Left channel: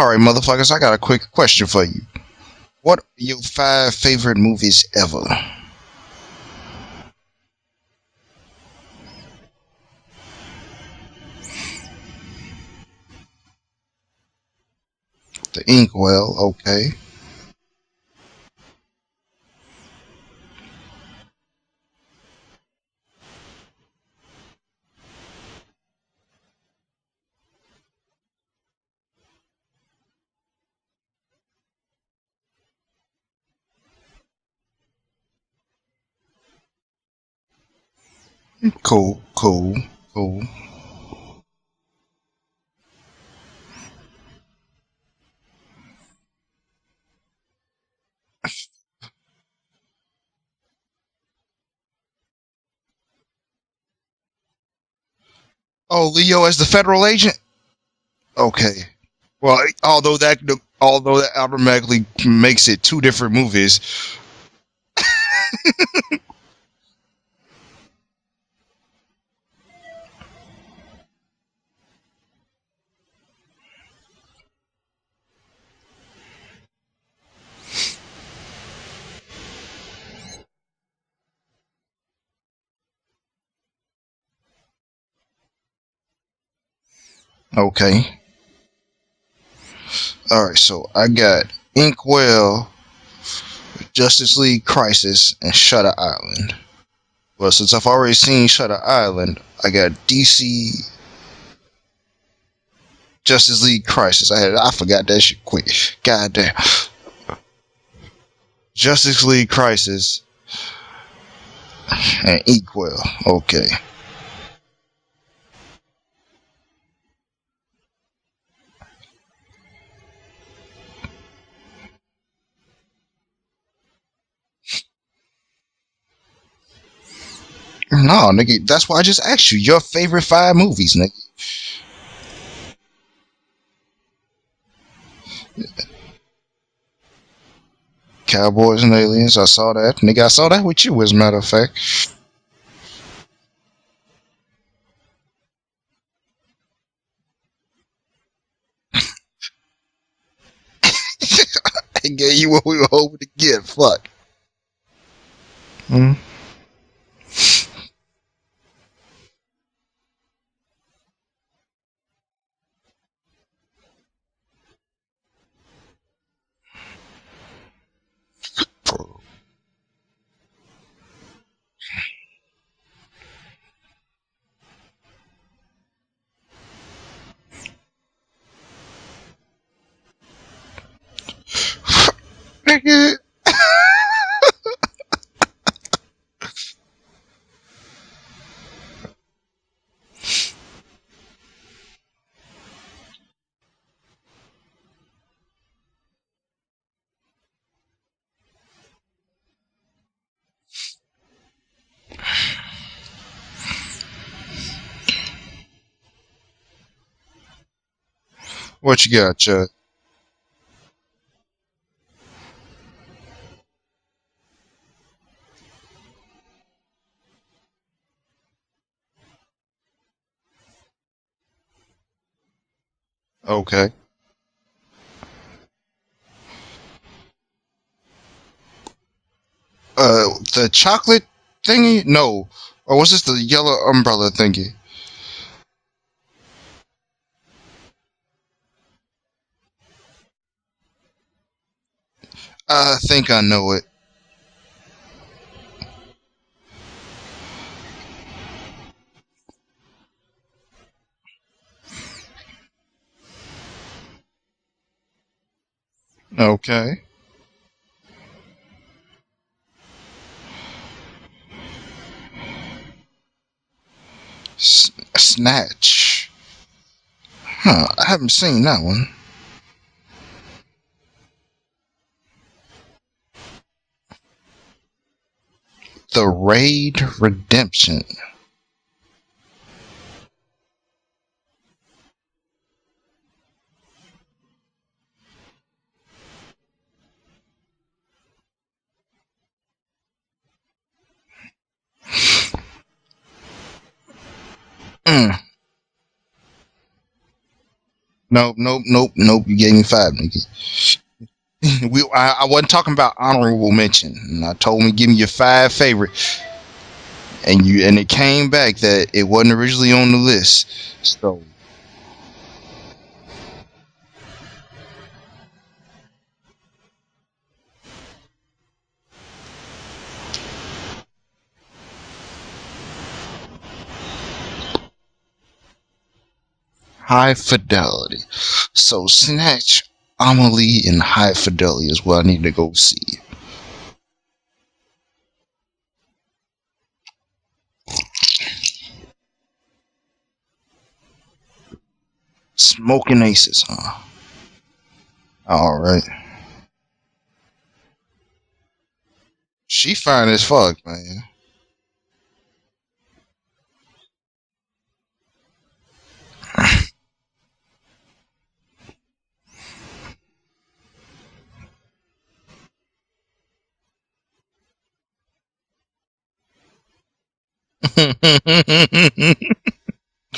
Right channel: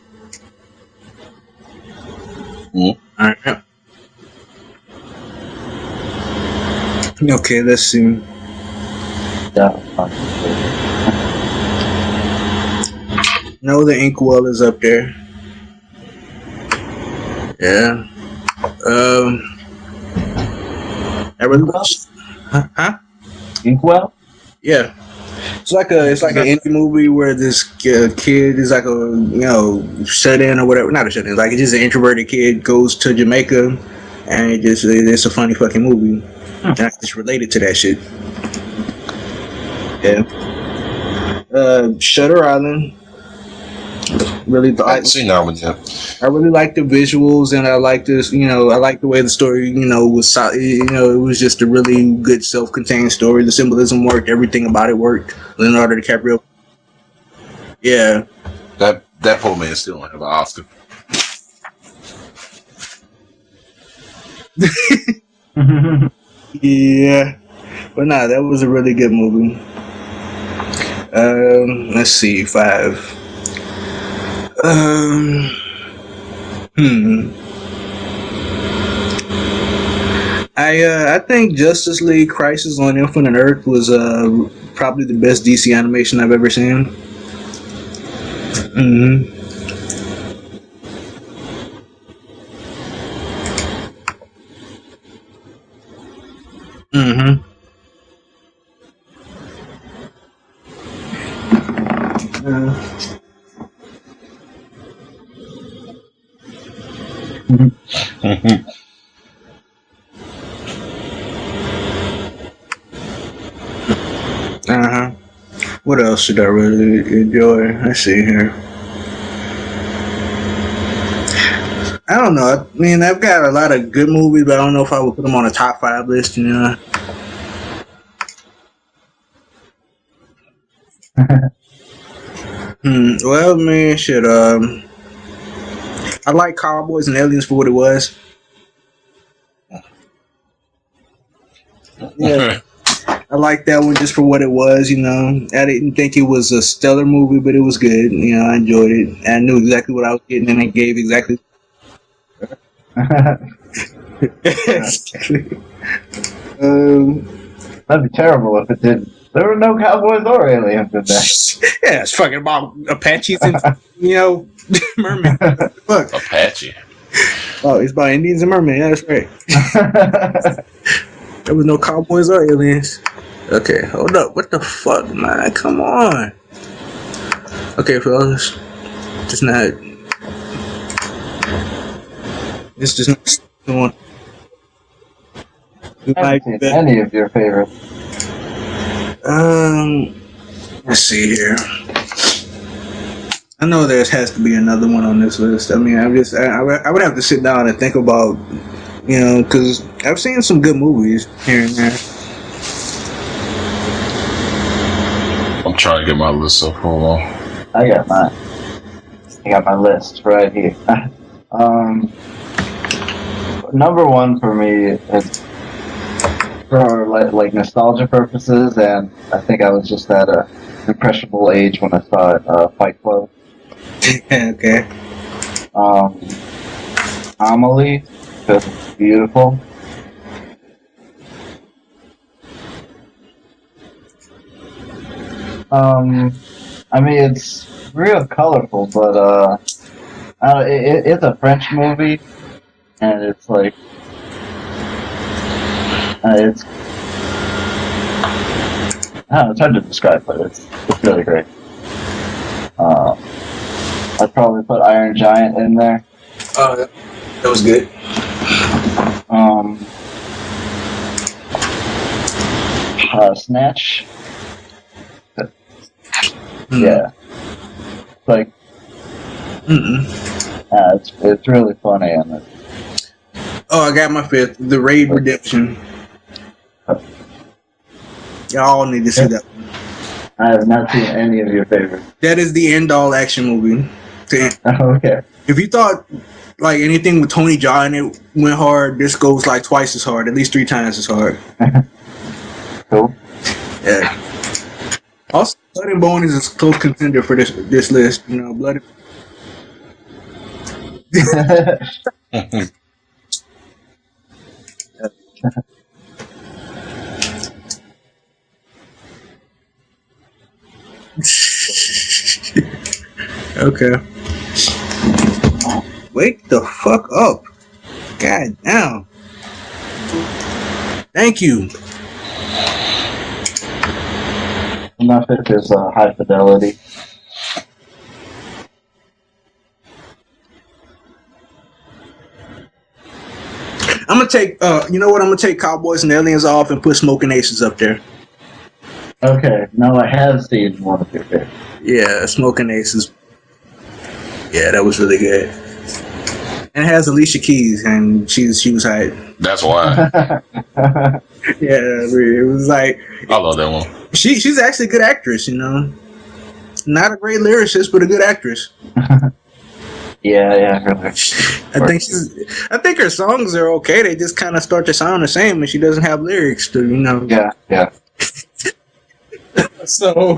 All right, motherfuckers, I got a quick question for you. What are your 5 favorite movies ever? Okay, let's see. No, The Inkwell is up there. The Inkwell, okay. Yeah. I really huh? Inkwell? Yeah. It's like an indie movie where this kid is like a shut in or whatever. Not a shut in. Like it's just an introverted kid goes to Jamaica, and it's a funny fucking movie. And I just related to that shit. Cool. Yeah. Shutter Island. Really, I haven't seen that one yet. I really like the visuals, and I like this. I like the way the story, was. It was just a really good, self-contained story. The symbolism worked. Everything about it worked. Leonardo DiCaprio. Leo as the federal agent. Yeah. Okay. That Well, although that automatically makes it 2 different movies. Yeah, but nah, that was a really good movie. Let's see, 5. I think Justice League Crisis on Infinite Earth was probably the best DC animation I've ever seen. Okay. All right, so I got Inkwell, Justice League Crisis, and Shutter Island. Well, since I've already seen Shutter Island, I got DC Justice League Crisis. I forgot that shit quick. God damn. Justice League Crisis and Inkwell. Okay. What else should I really enjoy? Let's see here. I don't know. I mean, I've got a lot of good movies, but I don't know if I would put them on a top 5 list. No, nigga. That's why I just asked you your favorite 5 movies, nigga. Well, man, shit. I like Cowboys and Aliens for what it was. Cowboys and Aliens. I saw that, nigga. I saw that with you, as a matter of fact. Yeah. I like that one just for what it was, I didn't think it was a stellar movie, but it was good. I enjoyed it. I knew exactly what I was getting, and it gave exactly. It gave you what we were hoping to get. Fuck. That'd be terrible if it didn't. There were no cowboys or aliens in that. Yeah, it's fucking about Apaches and mermen. Fuck. Apache. Oh, it's about Indians and mermen. Yeah, that's right. There was no cowboys or aliens. Okay, hold up. What the fuck, man? Come on. Okay, fellas. Just not. This is Like any of your favorites. Let's see here. I know there has to be another one on this list. I mean, I would have to sit down and think about, because I've seen some good movies here and there. I'm trying to get my list up. Hold on. I got mine. What you got, I got my list right here. Number 1 for me is for like nostalgia purposes, and I think I was just at a impressionable age when I saw it, Fight Club. Okay. Okay. Amelie, because it's beautiful. The chocolate thingy? No. Or was this the yellow umbrella thingy? I mean, it's real colorful, but it's a French movie. I think I know it. It's hard to describe, but it's really great. I'd probably put Iron Giant in there. Okay. That was good. Snatch. Snatch. Yeah. Huh, I haven't seen that one. It's really funny, and Oh, I got my 5th. The Raid Redemption. The Raid Redemption. Y'all need to see that one. I have not seen any of your favorites. That is the end-all action movie. Okay. If you thought like anything with Tony Jaa in it went hard, this goes like twice as hard, at least 3 times as hard. Cool. Yeah. Also, Blood and Bone is a close contender for this list. Nope. You gave me 5, nigga. I wasn't talking about honorable mention. And I told him, give me your 5 favorite. And it came back that it wasn't originally on the list. So. Okay. Wake the fuck up. God damn. Thank you. My fifth is High Fidelity. High Fidelity. So Snatch, Amelie, and High Fidelity is what I need to go see. I'm gonna take. You know what? I'm gonna take Cowboys and Aliens off and put Smoking Aces up there. Okay, now I have seen one of your favorites. Yeah, Smoking Aces. Smoking Aces, huh? Yeah, that was really good. All right. And it has Alicia Keys, and she was hot. That's She why fine as fuck. Yeah, it was like I love that one. she's actually a good actress. You know, not a great lyricist, but a good actress. Yeah, really. I think her songs are okay. They just kind of start to sound the same, and she doesn't have lyrics to, you know. Yeah. So,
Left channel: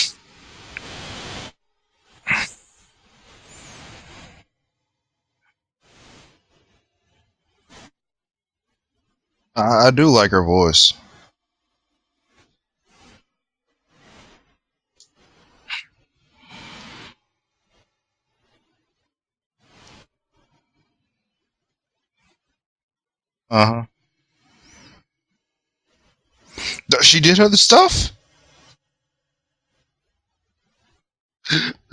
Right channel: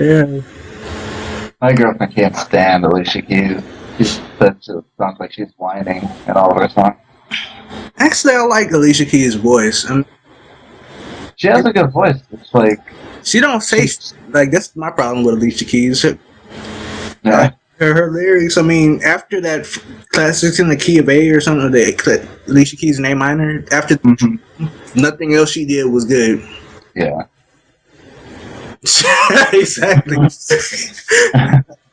yeah. My girlfriend can't stand Alicia Keys. She sounds like she's whining in all of her songs. Actually, I like Alicia Keys' voice. I do like her voice. She has a good voice. It's like She don't say like that's my problem with Alicia Keys. yeah. Her lyrics. I mean, after that Classics in the Key of A or something, the Alicia Keys in A minor. After nothing else she did was good. She did other stuff? Exactly.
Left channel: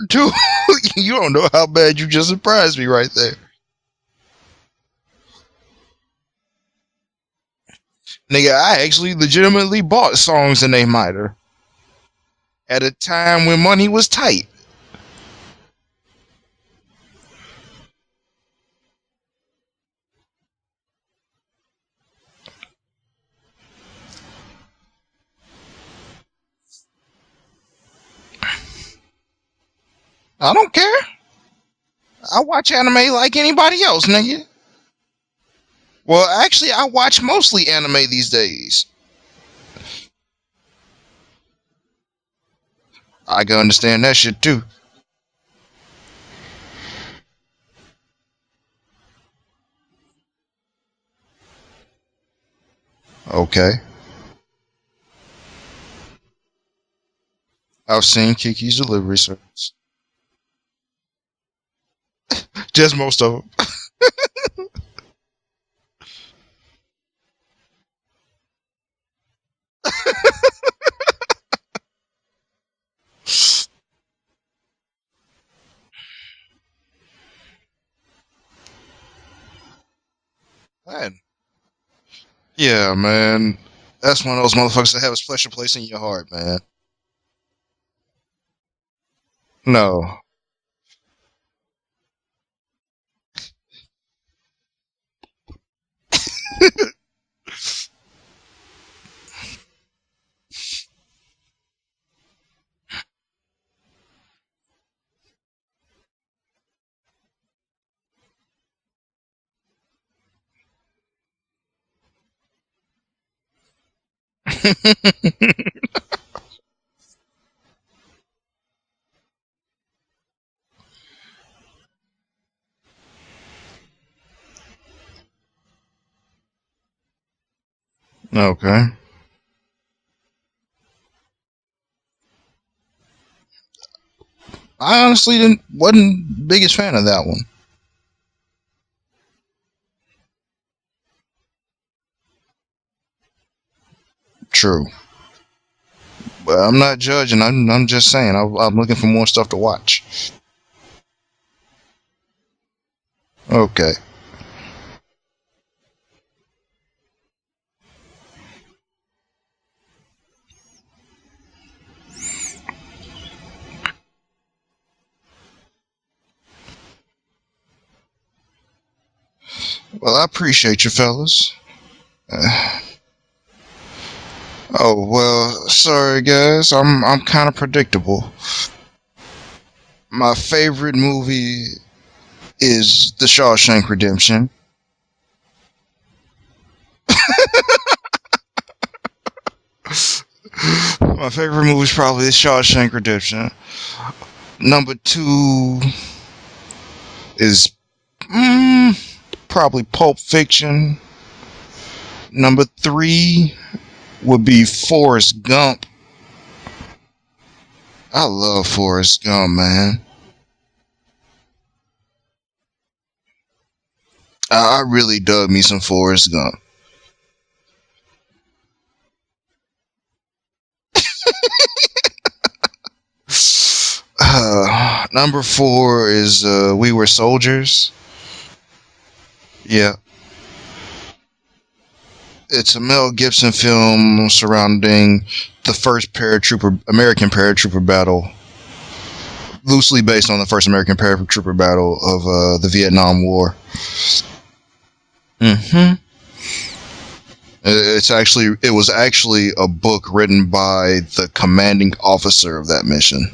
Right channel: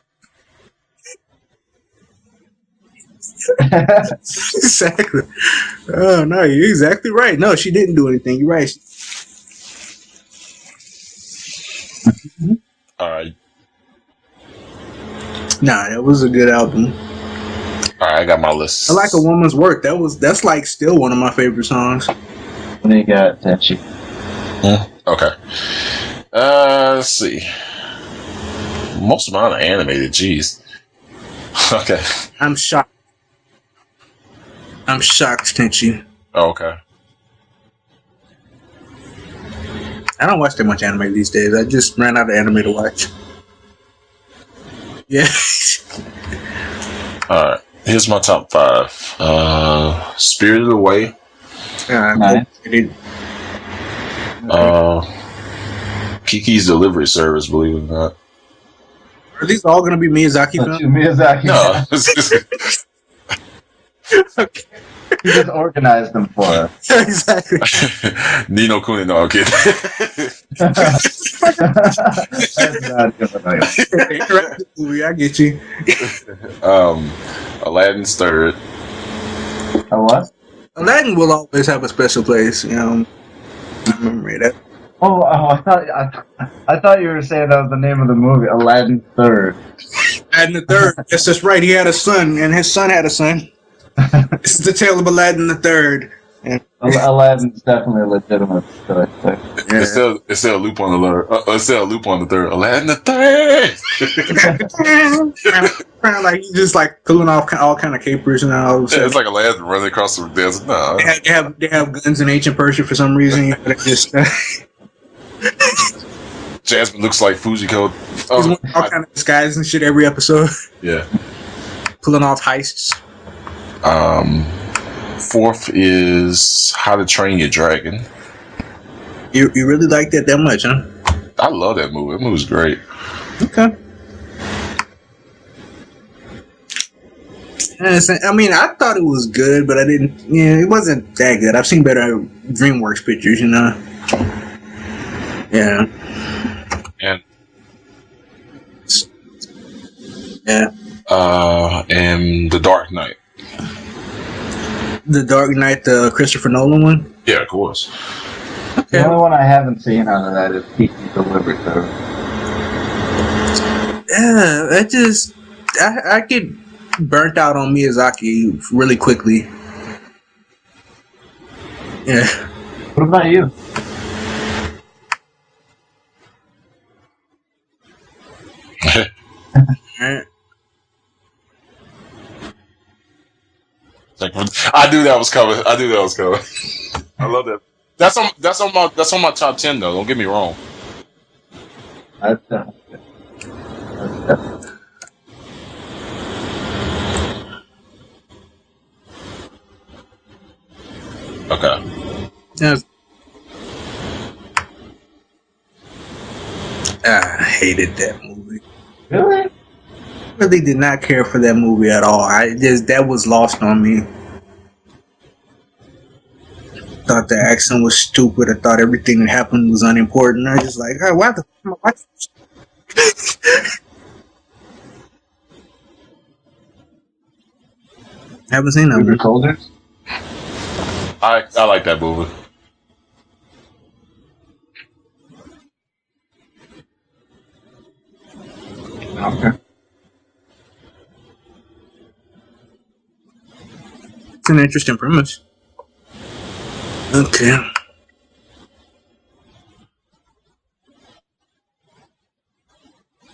Dude, you don't know how bad you just surprised me right there. Exactly. Oh no, you're exactly right. No, she didn't do anything. Nigga, Right. I actually legitimately bought songs in A minor at a time when money was tight. Nah, that was a good album. All right, I got my list. I Like a Woman's Work. That's like still one of my favorite songs. And then you got Tenchi. Okay. Let's see. Most of mine are animated. Jeez. I don't care. Okay. I watch anime like anybody else, nigga. I'm shocked, Tenchi. Well, actually, I watch mostly anime these days. I don't watch that much anime these days. I just ran out of anime to watch. I can understand that shit too. Yeah. All right. Here's my top 5. Spirited Away. Nice. Okay. Kiki's Delivery Service, believe it or not. I've seen Kiki's Delivery Are Service. these all gonna be Miyazaki films? Miyazaki. No. Just most of them. He just organized them for us. Exactly. Nino Kuni, no, I'm kidding. That's not good enough. Interactive movie, I get you. Aladdin's third. A what? Aladdin will always have a special place. you Yeah, know? man. That's one of those motherfuckers that have a special place in your heart, man. I thought you were saying that was the name of the movie, Aladdin Third. No. Aladdin the Third. Yes, that's right. He had a son, and his son had a son. This is the tale of Aladdin the Third. Aladdin's definitely a legitimate choice. But It's still a loop on the third. It's still a loop on the third. Aladdin the third. Like he's just like pulling off all kind of capers and all. Yeah, it's like Aladdin running across the desert. No. They have guns in ancient Persia for some reason. You know, they just Jasmine looks like Fujiko. he's wearing all kind of disguises and shit every episode, Yeah. pulling off heists. Fourth is How to Train Your Dragon. Okay. You really like that much, huh? I love that movie. That movie's great. Okay. I honestly wasn't the biggest fan of that one. I mean, I thought it was good, but I didn't. Yeah, it wasn't that good. I've seen better DreamWorks pictures, you know. True. Yeah. But I'm not judging. I'm just saying. I'm looking for more stuff to watch. Yeah. And The Dark Knight. Okay. The Dark Knight, the Christopher Nolan one. Yeah, of course. the only one I haven't seen out of that is Kiki's Delivery Service. Yeah, I get burnt out on Miyazaki really quickly. Well, I appreciate you, fellas. Yeah. What about you? Oh well, sorry guys. I'm kind of predictable. My favorite movie is The Shawshank Redemption. I knew that was coming. That's on my top 10 though. Don't get me wrong. My favorite movie is probably The Shawshank Redemption. Number 2 is probably Pulp Fiction. Okay. Number 3 would be Forrest Gump. I hated that. I love Forrest Gump, man. Really did not care for that movie at all. That was lost on me. I really dug me some Forrest Gump. Thought the accent was stupid. I thought everything that happened was unimportant. I was just like, hey, why the Number 4 is We Were Soldiers. haven't seen that We Were movie. Soldiers? Yeah. I like that movie. It's a Mel Gibson film surrounding the first American paratrooper battle, Okay. loosely based on the first American paratrooper battle of the Vietnam War. It's an interesting premise. Mm-hmm. Okay. It was actually a book written by the commanding officer of that mission,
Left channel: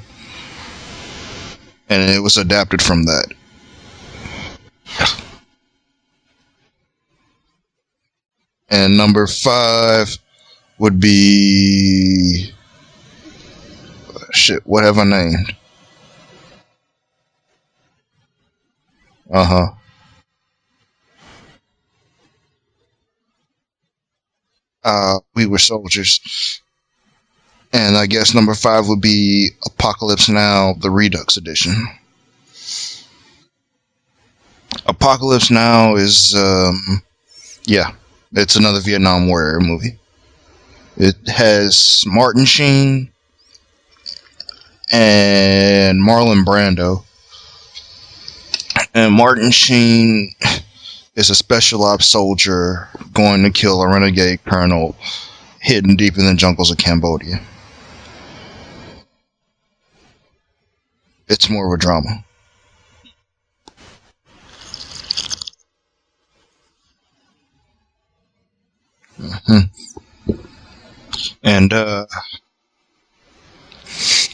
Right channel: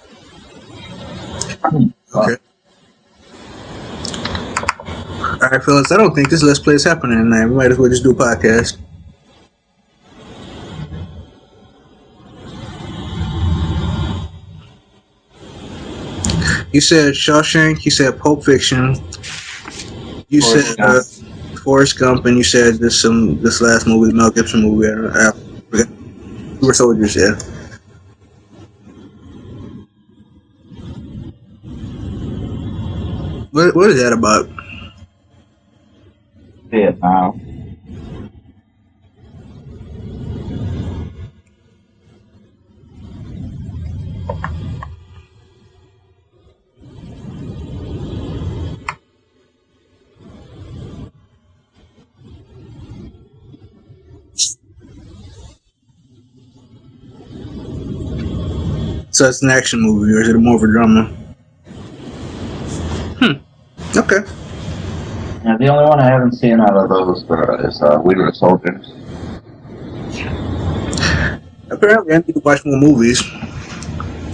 and it was adapted from that. All right, fellas. I don't think this Let's Play is happening tonight. We might as well just do a podcast. And number 5 would be shit. What have I named? You said Shawshank. You said Pulp Fiction. You Forrest said Forrest Gump, and you said this last movie, Mel Gibson movie. We Were Soldiers. We Were Soldiers. Yeah. And I guess number 5 would be Apocalypse Now, the Redux edition. What is that about? Apocalypse Now is Vietnam. yeah, it's another Vietnam War movie. It has Martin Sheen and Marlon Brando. And Martin Sheen is a special ops soldier going to kill a renegade colonel hidden deep in the jungles of Cambodia. So it's an action movie, or is it more of a drama? It's more of a drama. Okay. Yeah, the only one I haven't seen out of those is We Were Soldiers. And I need to watch more movies. 'Cause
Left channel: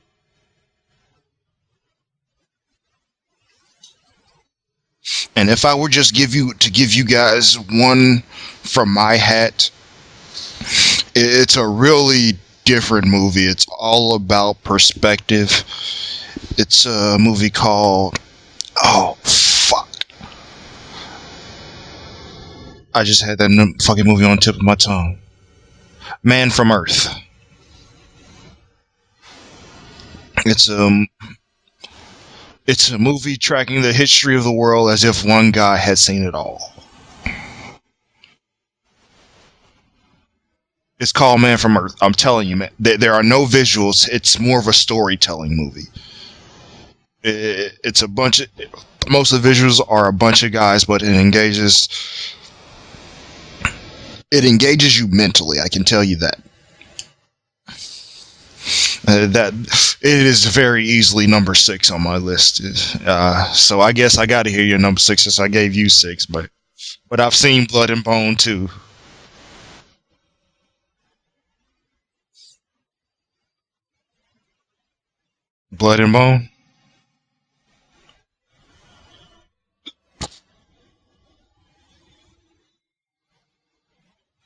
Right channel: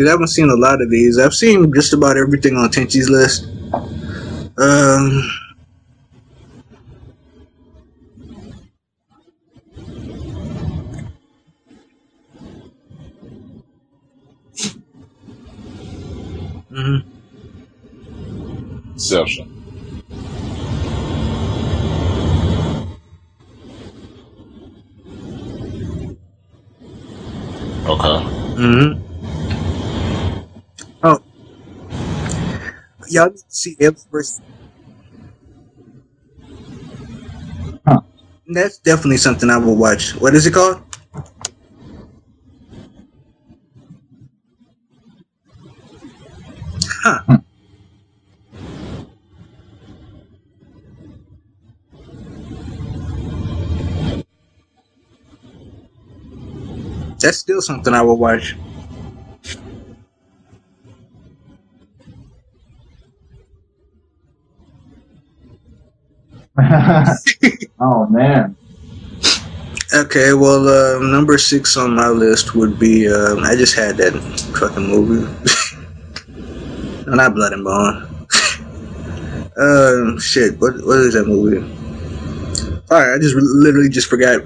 I haven't seen a lot of these. I've seen just about everything on Tenchi's list. and if I were just give you guys one from my hat, it's a really different movie. It's all about perspective. It's a movie called fuck. I just had that fucking movie on the tip of my tongue. Man from Earth. Okay. It's It's a movie Y'all tracking see the it history of the world as if one guy had seen it all. That's definitely something I will watch. What is it called? It's called Man from Earth. I'm telling you, man. There are no visuals. It's more of a storytelling movie. Huh. It's a bunch of... Most of the visuals are a bunch of guys, but it engages you mentally. I can tell you that. That's still something I will watch. That it is very easily number 6 on my list. So I guess I got to hear your number 6 since I gave you 6, but I've seen Blood and Bone too. Okay, well, number 6 on my list would be. I just had that fucking movie. Blood and Bone? No, not Blood and Bone. Shit. What is that movie? All right, I just literally just forgot.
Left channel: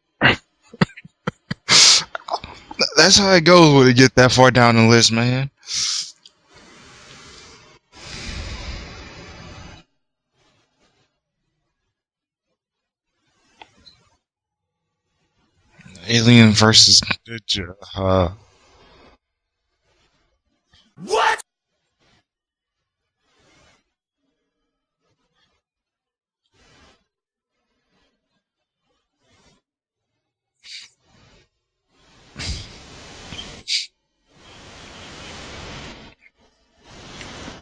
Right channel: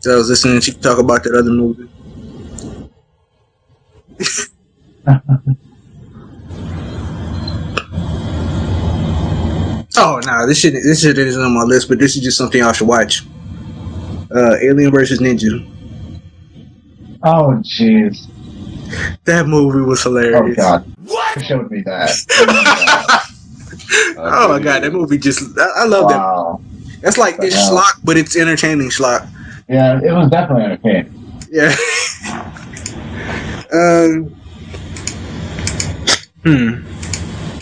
So I was listening to you talk about that other movie. That's how it goes when you get that far down the list, man. Oh no, this shit isn't on my list, but this is just something y'all should watch. Alien vs. Ninja. Alien versus. Oh, jeez. That movie was hilarious. Oh, God. What? You showed me that. Oh my god, that movie just. I love Wow. that. That's like it's schlock, but it's entertaining schlock. Yeah, it was definitely entertaining. Yeah.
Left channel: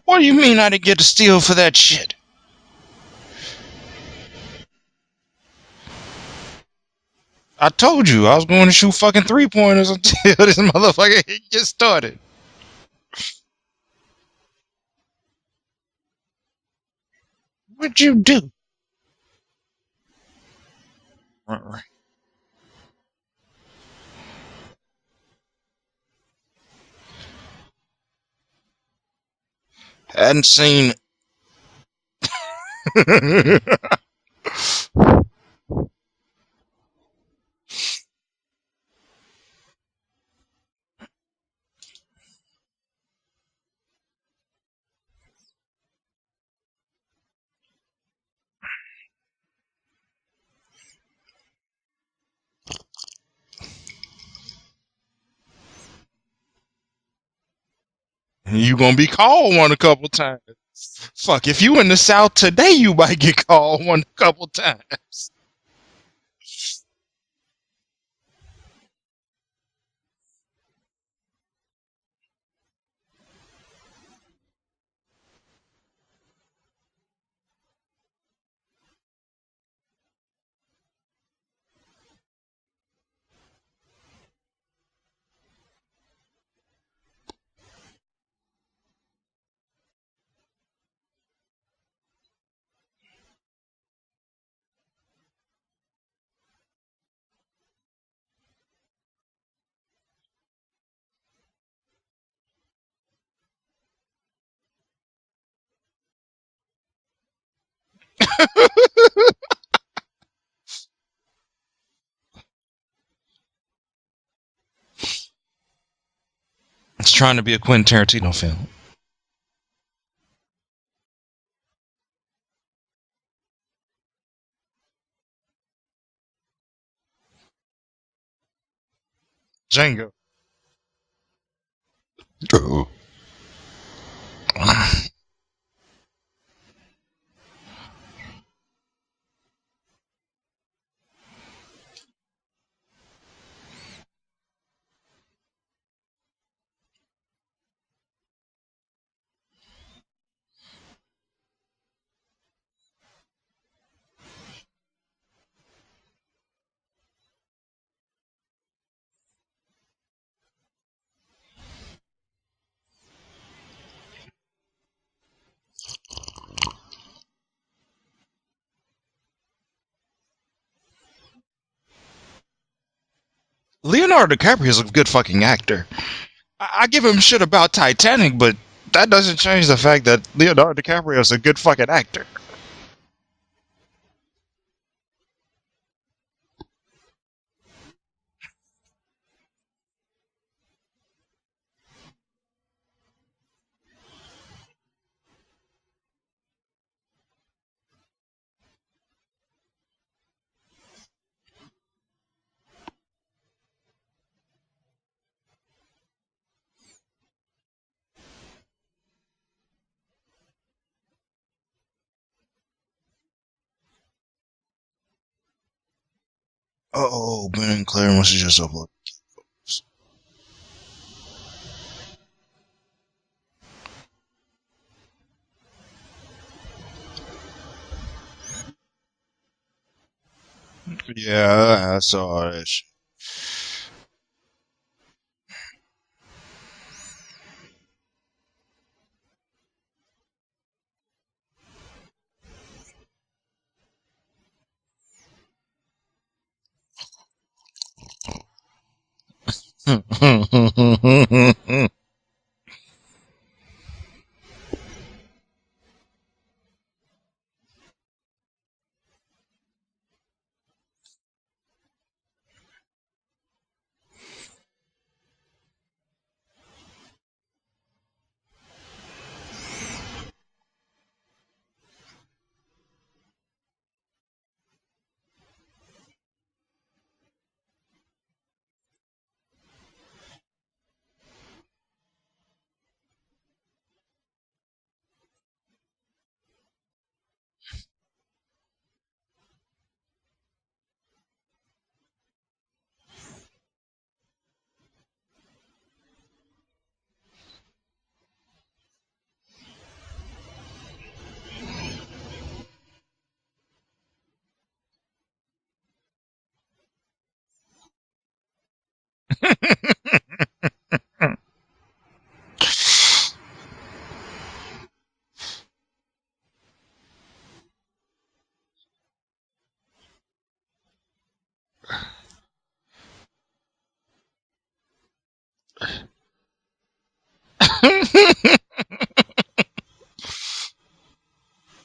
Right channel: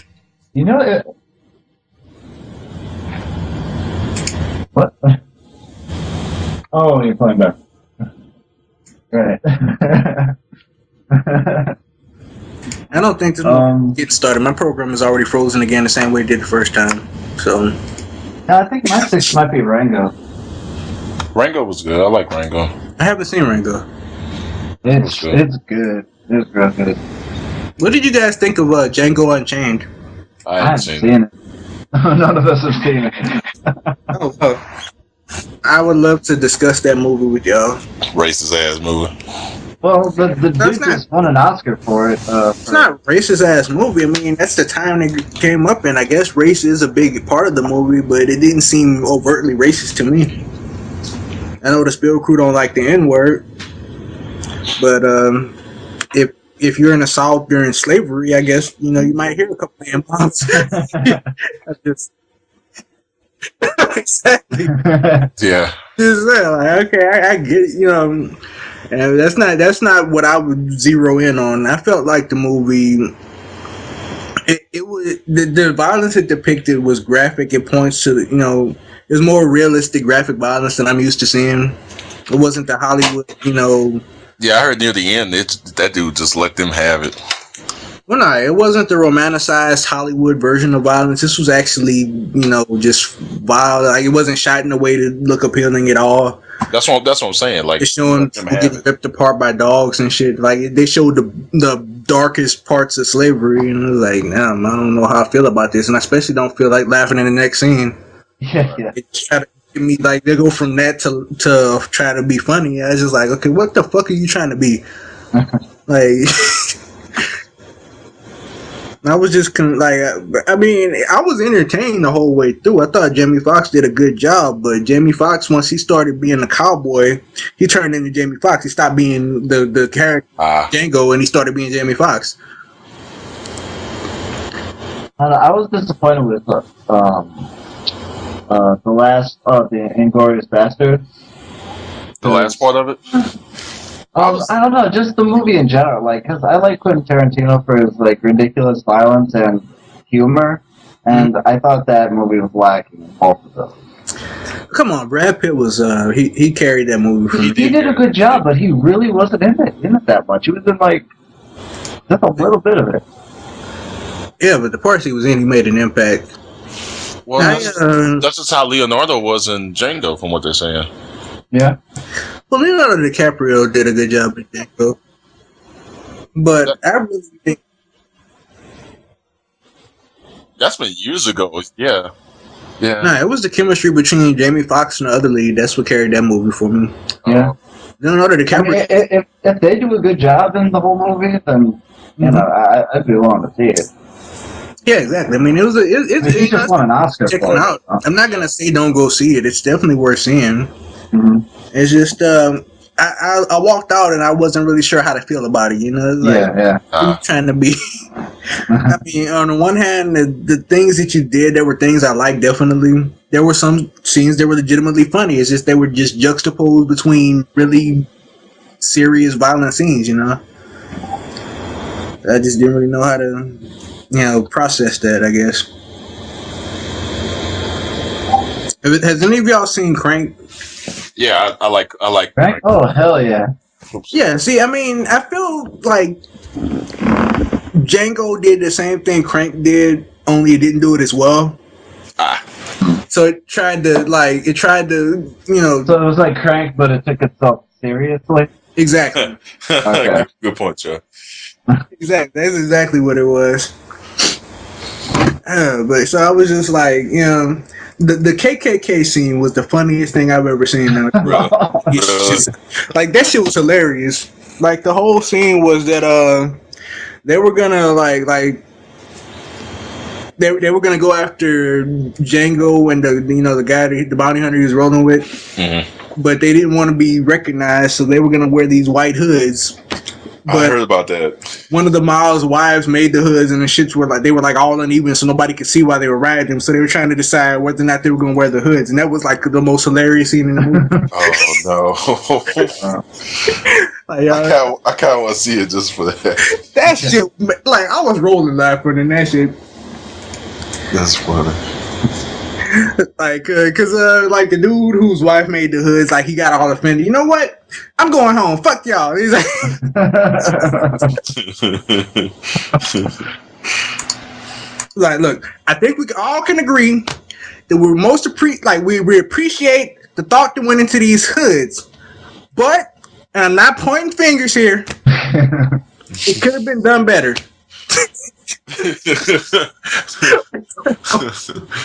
What do you mean I didn't get a steal for that shit? What? Oh, you're playing back. I told you I was going to shoot fucking 3-pointers until this motherfucker just started. I don't think this movie gets started. My program is already frozen again the same way it did the first time. So. What'd you do? No, I think my 6 might be Rango. Rango was good. I like Rango. I haven't seen Rango. It's good. It's real good. What did you guys think of Django Unchained? I hadn't I seen haven't it. Seen it. None of us have seen it. Oh, I would love to discuss that movie with y'all. Racist ass movie. Well, the dude That's not- just won an Oscar for it. It's not a racist ass movie. I mean, that's the time it came up, and I guess race is a big part of the movie, but it didn't seem overtly racist to me. I know the Spill crew don't like the N word, but if you're in the South during slavery, I guess You gonna be you might called get- one a couple times. Fuck, if you in the South today, you might get called one a couple times. Yeah. Just there, like, okay, I get it, and that's not what I would zero in on. I felt like the movie, it was the violence it depicted was graphic. It points to it was more realistic graphic violence than I'm used to seeing. It wasn't the Hollywood, Yeah, I heard near the end that dude just let them have it. Well, no, it wasn't the romanticized Hollywood version of violence. This was actually, just wild. Like, it wasn't shot in a way to look appealing at all. That's what I'm saying. Like, It's showing let them people have getting it. ripped apart by dogs and shit. Like, they showed the darkest parts of slavery, and it was like, damn, I don't know how I feel about this, and I especially don't feel like laughing in the next scene. They try to give me, like, they go from that to try to be funny. I was just like, okay, what the fuck are you trying to be? Like. It's trying to be a Quentin Tarantino film. I was just I was entertained the whole way through. I thought Jamie Foxx did a good job, but Jamie Foxx, once he started being a cowboy, he turned into Jamie Foxx. He stopped being the Django. character Django, and he started being Jamie Foxx. I was disappointed with the last of the Inglourious Basterds. The last part of it. I don't know, just the movie in general. Like, cause I like Quentin Tarantino for his like ridiculous violence and humor, and I thought that movie was lacking in both of those. Come on, Brad Pitt was he carried that movie for me. He did a good job, but he really wasn't in it that much. He was in like just a little bit of it. Yeah, but the parts he was in, he made an impact. Well, that's just how Leonardo was in Django, from what they're saying. Yeah. Well, Leonardo DiCaprio did a Leonardo good job. DiCaprio is a good fucking actor. But I give him shit about Titanic, but that doesn't change the fact that Leonardo That's been DiCaprio years is a ago, good fucking yeah. actor. Yeah. Nah, it was the chemistry between Jamie Foxx and the other lead. That's what carried that movie for me. Yeah. Leonardo I mean, DiCaprio. if they do a good job in the whole movie, then I'd be willing to see it. Yeah, exactly. I mean, it was He just won an Oscar check for it it. out. I'm not gonna say don't go see it. It's definitely worth seeing. Mm-hmm. It's just I walked out and I wasn't really sure how to feel about it. Like, Yeah. I'm trying to be. I mean, on the one hand, the things that you did, there were things I liked. Definitely, there were some scenes that were legitimately funny. It's just they were just juxtaposed between really serious, violent scenes. I just didn't really know how to, process that. I guess. Has any of y'all seen Crank? Yeah, I like Right? Oh, hell yeah. Yeah, see, I mean, I feel like Django did the same thing Crank did, only it didn't do it as well. So it tried to, So it was like Crank, but it took itself seriously. Exactly. Okay. Good point, Chuck. Exactly. That's exactly what it was. But so I was just like, the KKK scene was the funniest thing I've ever seen. Like, that shit was hilarious. Like, the whole scene was that they were gonna they were gonna go after Django and the guy, the bounty hunter he was rolling with, but they didn't want to be recognized, so they were gonna wear these white hoods. I But heard about that. one of the Miles' wives made the hoods, and the shits were like, they were like all uneven, so nobody could see why they were riding them. So they were trying to decide whether or not they were going to wear the hoods, and that was like the most hilarious scene in the movie. Oh no! Like, I kind of want to see it just for that. that shit, like, I was rolling laughing in that shit. That's funny. Like, like the dude whose wife made the hoods, like, he got all offended. You know what? I'm going home. Fuck y'all. He's like, like, look, I think we all can agree that we're most we appreciate the thought that went into these hoods, but and I'm not pointing fingers here. It could have been done better.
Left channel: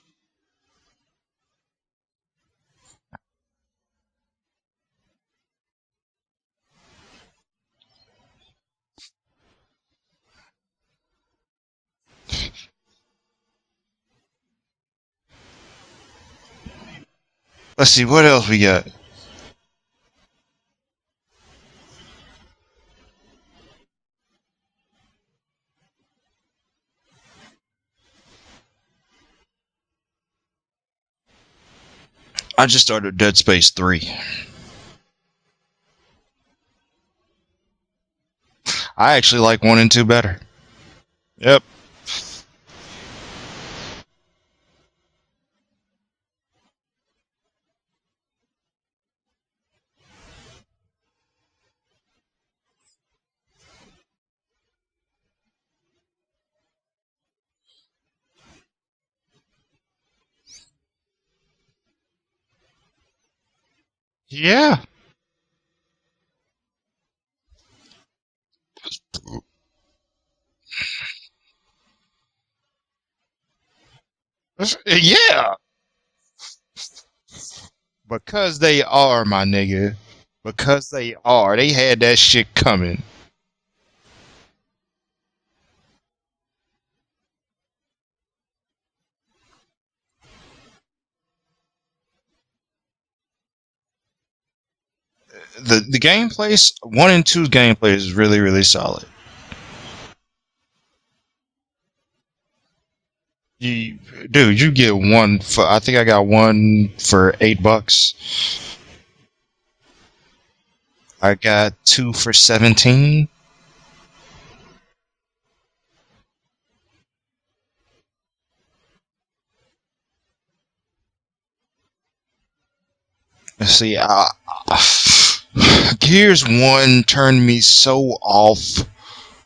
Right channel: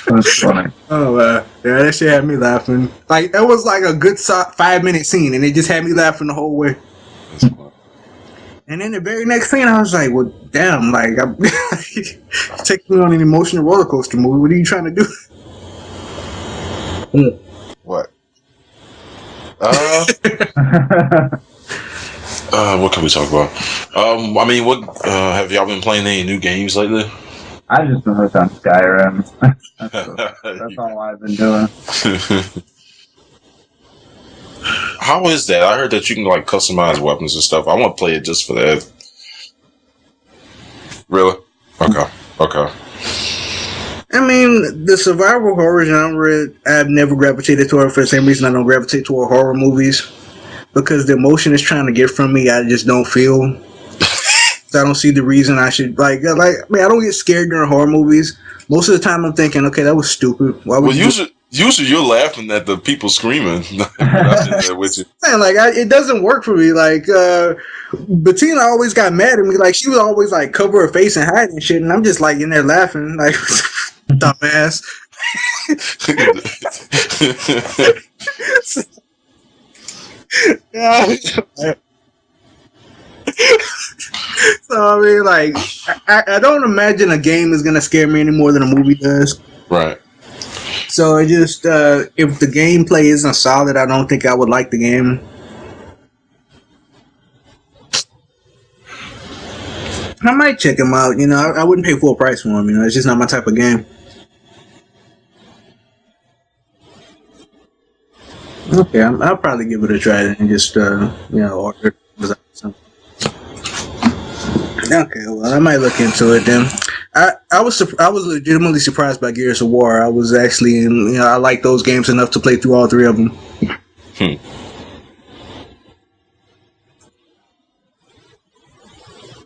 That's funny. Oh, yeah, that shit had me laughing. Like, that was like a good 5-minute scene, and it just had me laughing the whole way. And then the very next scene, I was like, well, damn, like, I'm taking me on an emotional roller coaster movie. What are you trying to do? Let's see, what else we got? What can we talk about? I mean, what have y'all been playing any new games lately? I just been hooked on Skyrim. That's all I've been doing. I just started Dead Space 3. How is that? I heard that you can like customize weapons and stuff. I want to play it just for that. I actually like 1 and 2 better. Really? Yep. Okay. I mean, the survival horror genre, I've never gravitated to it for the same reason I don't gravitate toward horror movies. Because the emotion is trying to get from me, I just don't feel. So I don't see the reason I should, I don't get scared during horror movies. Most of the time I'm thinking, okay, that was stupid. Why would usually you're laughing at the people screaming. Yeah. With you. It doesn't work for me. Like, Bettina always got mad at me. Like, she would always, like, cover her face and hide and shit. And I'm just, like, in there laughing. Like, dumbass. Yeah. Because they are, my nigga. Because they are. They had that shit coming. So, I mean, like, I don't imagine a game is going to scare me any more than a movie does. Right. So, it just, if the gameplay isn't solid, I don't think I would like the game. The gameplay, 1 and 2's gameplay is really, really solid. I might check them out. You know, I wouldn't pay full price for them. You know, it's just not my type of game. Dude, you get 1 for, I think I got 1 for $8. Okay, I'll probably give it a try and just, I got 2 for 17. Okay, well, I might look into it then. I was legitimately surprised by Gears of War. I was actually, I like those games enough to play through all 3 of them. See, Gears 1 turned me so off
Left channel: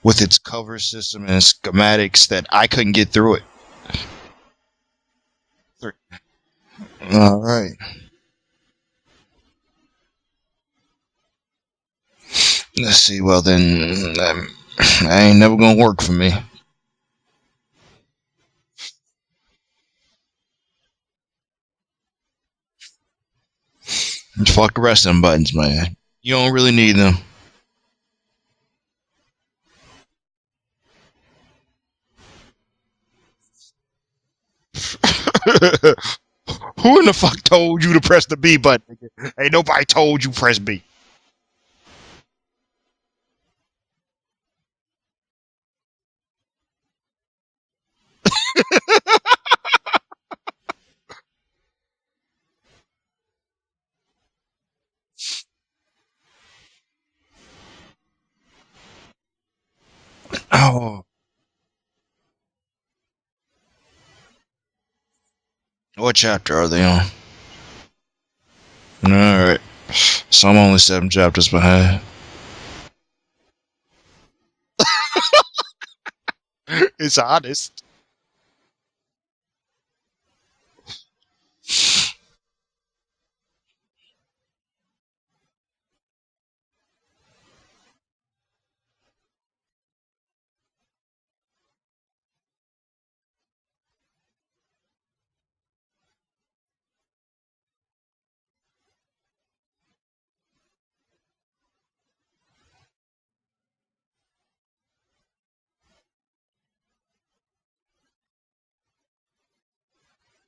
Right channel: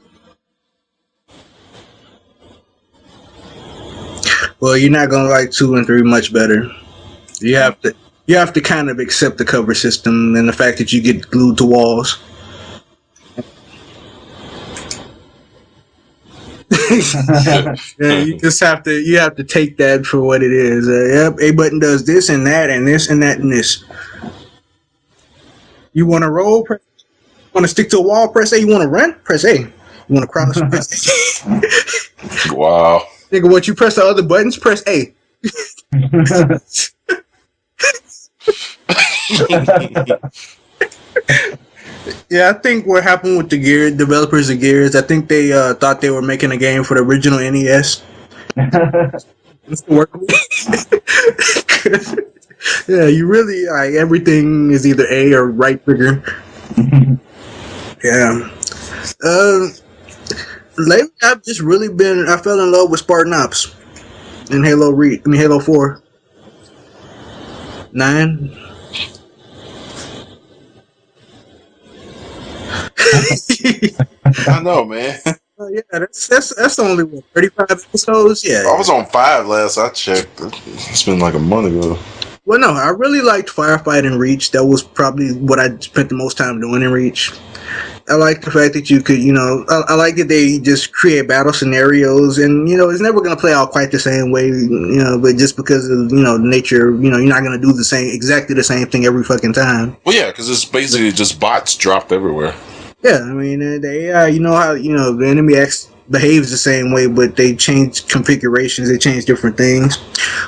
with its cover system and schematics that I couldn't get through it. Well, you're not gonna like 2 and 3 much better. You have to kind of accept the cover system and the fact that you get glued to walls. Let's see. Well, then that ain't never gonna work for me. Yeah, you have to take that for what it is. Yep, A button does this and that and this and that and this. Fuck the rest of them buttons, man. You want to roll? Don't really need them. Want to stick to a wall? Press A. You want to run? Press A. You want to cross? Press A. Wow. Nigga, once you press the other buttons, press A. Who in the fuck told you to press the B button? Ain't nobody told you press B. Yeah, I think what happened with the Gears developers of Gears, I think they thought they were making a game for the original NES. Yeah, you really everything is either A or right trigger. Yeah. Lately, I've just really I fell in love with Spartan Ops in Halo 4. What chapter are they on? 9. All right. So I'm only 7 chapters behind. I know, man. Yeah, that's only It's 35 episodes. Yeah. I was on 5 last I checked. It's been like a month ago. Well, no, I really liked Firefight in Reach. That was probably what I spent the most time doing in Reach. I like the fact that you could, I like that they just create battle scenarios, and it's never going to play out quite the same way, but just because of nature, you're not going to do exactly the same thing every fucking time. Well, yeah, because it's basically just bots dropped everywhere. Yeah, I mean, the AI, how the enemy behaves the same way, but they change configurations, they change different things.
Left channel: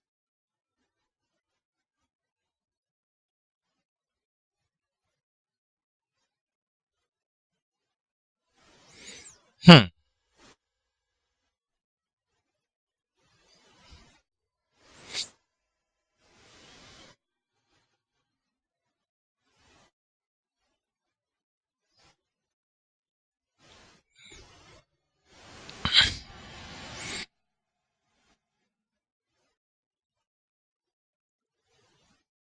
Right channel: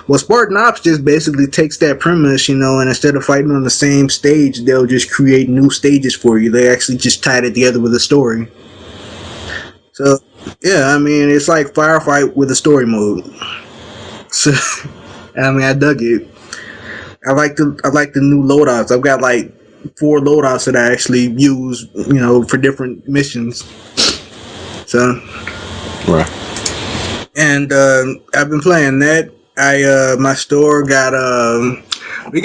Well, Spartan Ops just basically takes that premise, and instead of fighting on the same stage, they'll just create new stages for you. They actually just tied it together with a story. So, yeah, I mean, it's like Firefight with a story mode. So, I mean, I dug it. I like the new loadouts. I've got like 4 loadouts that I actually use, for different missions. So, right. And I've been playing that. My store got we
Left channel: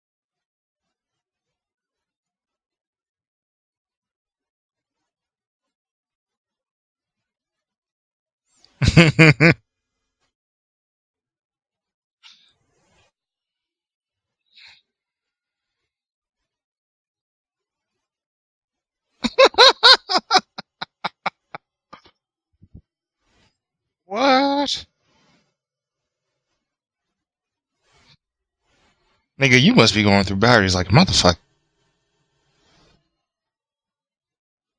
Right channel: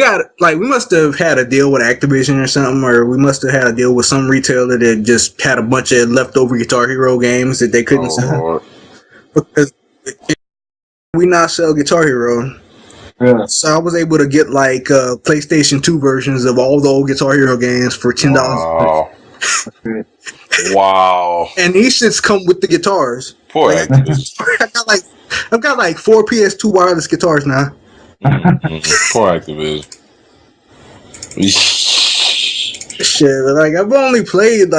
must have had a deal with Activision or something, or we must have had a deal with some retailer that just had a bunch of leftover Guitar Hero games that they couldn't sell. Because we now sell Guitar Hero. Yeah. So I was able to get like PlayStation 2 versions of all the old Guitar Hero games for $10. Wow. shit. Wow. And these shits come with the guitars. Poor Like, actor. I've got like 4 PS2 wireless guitars now. Poor actor. Nigga, you must be going through batteries like a motherfucker. Shit, like I've only played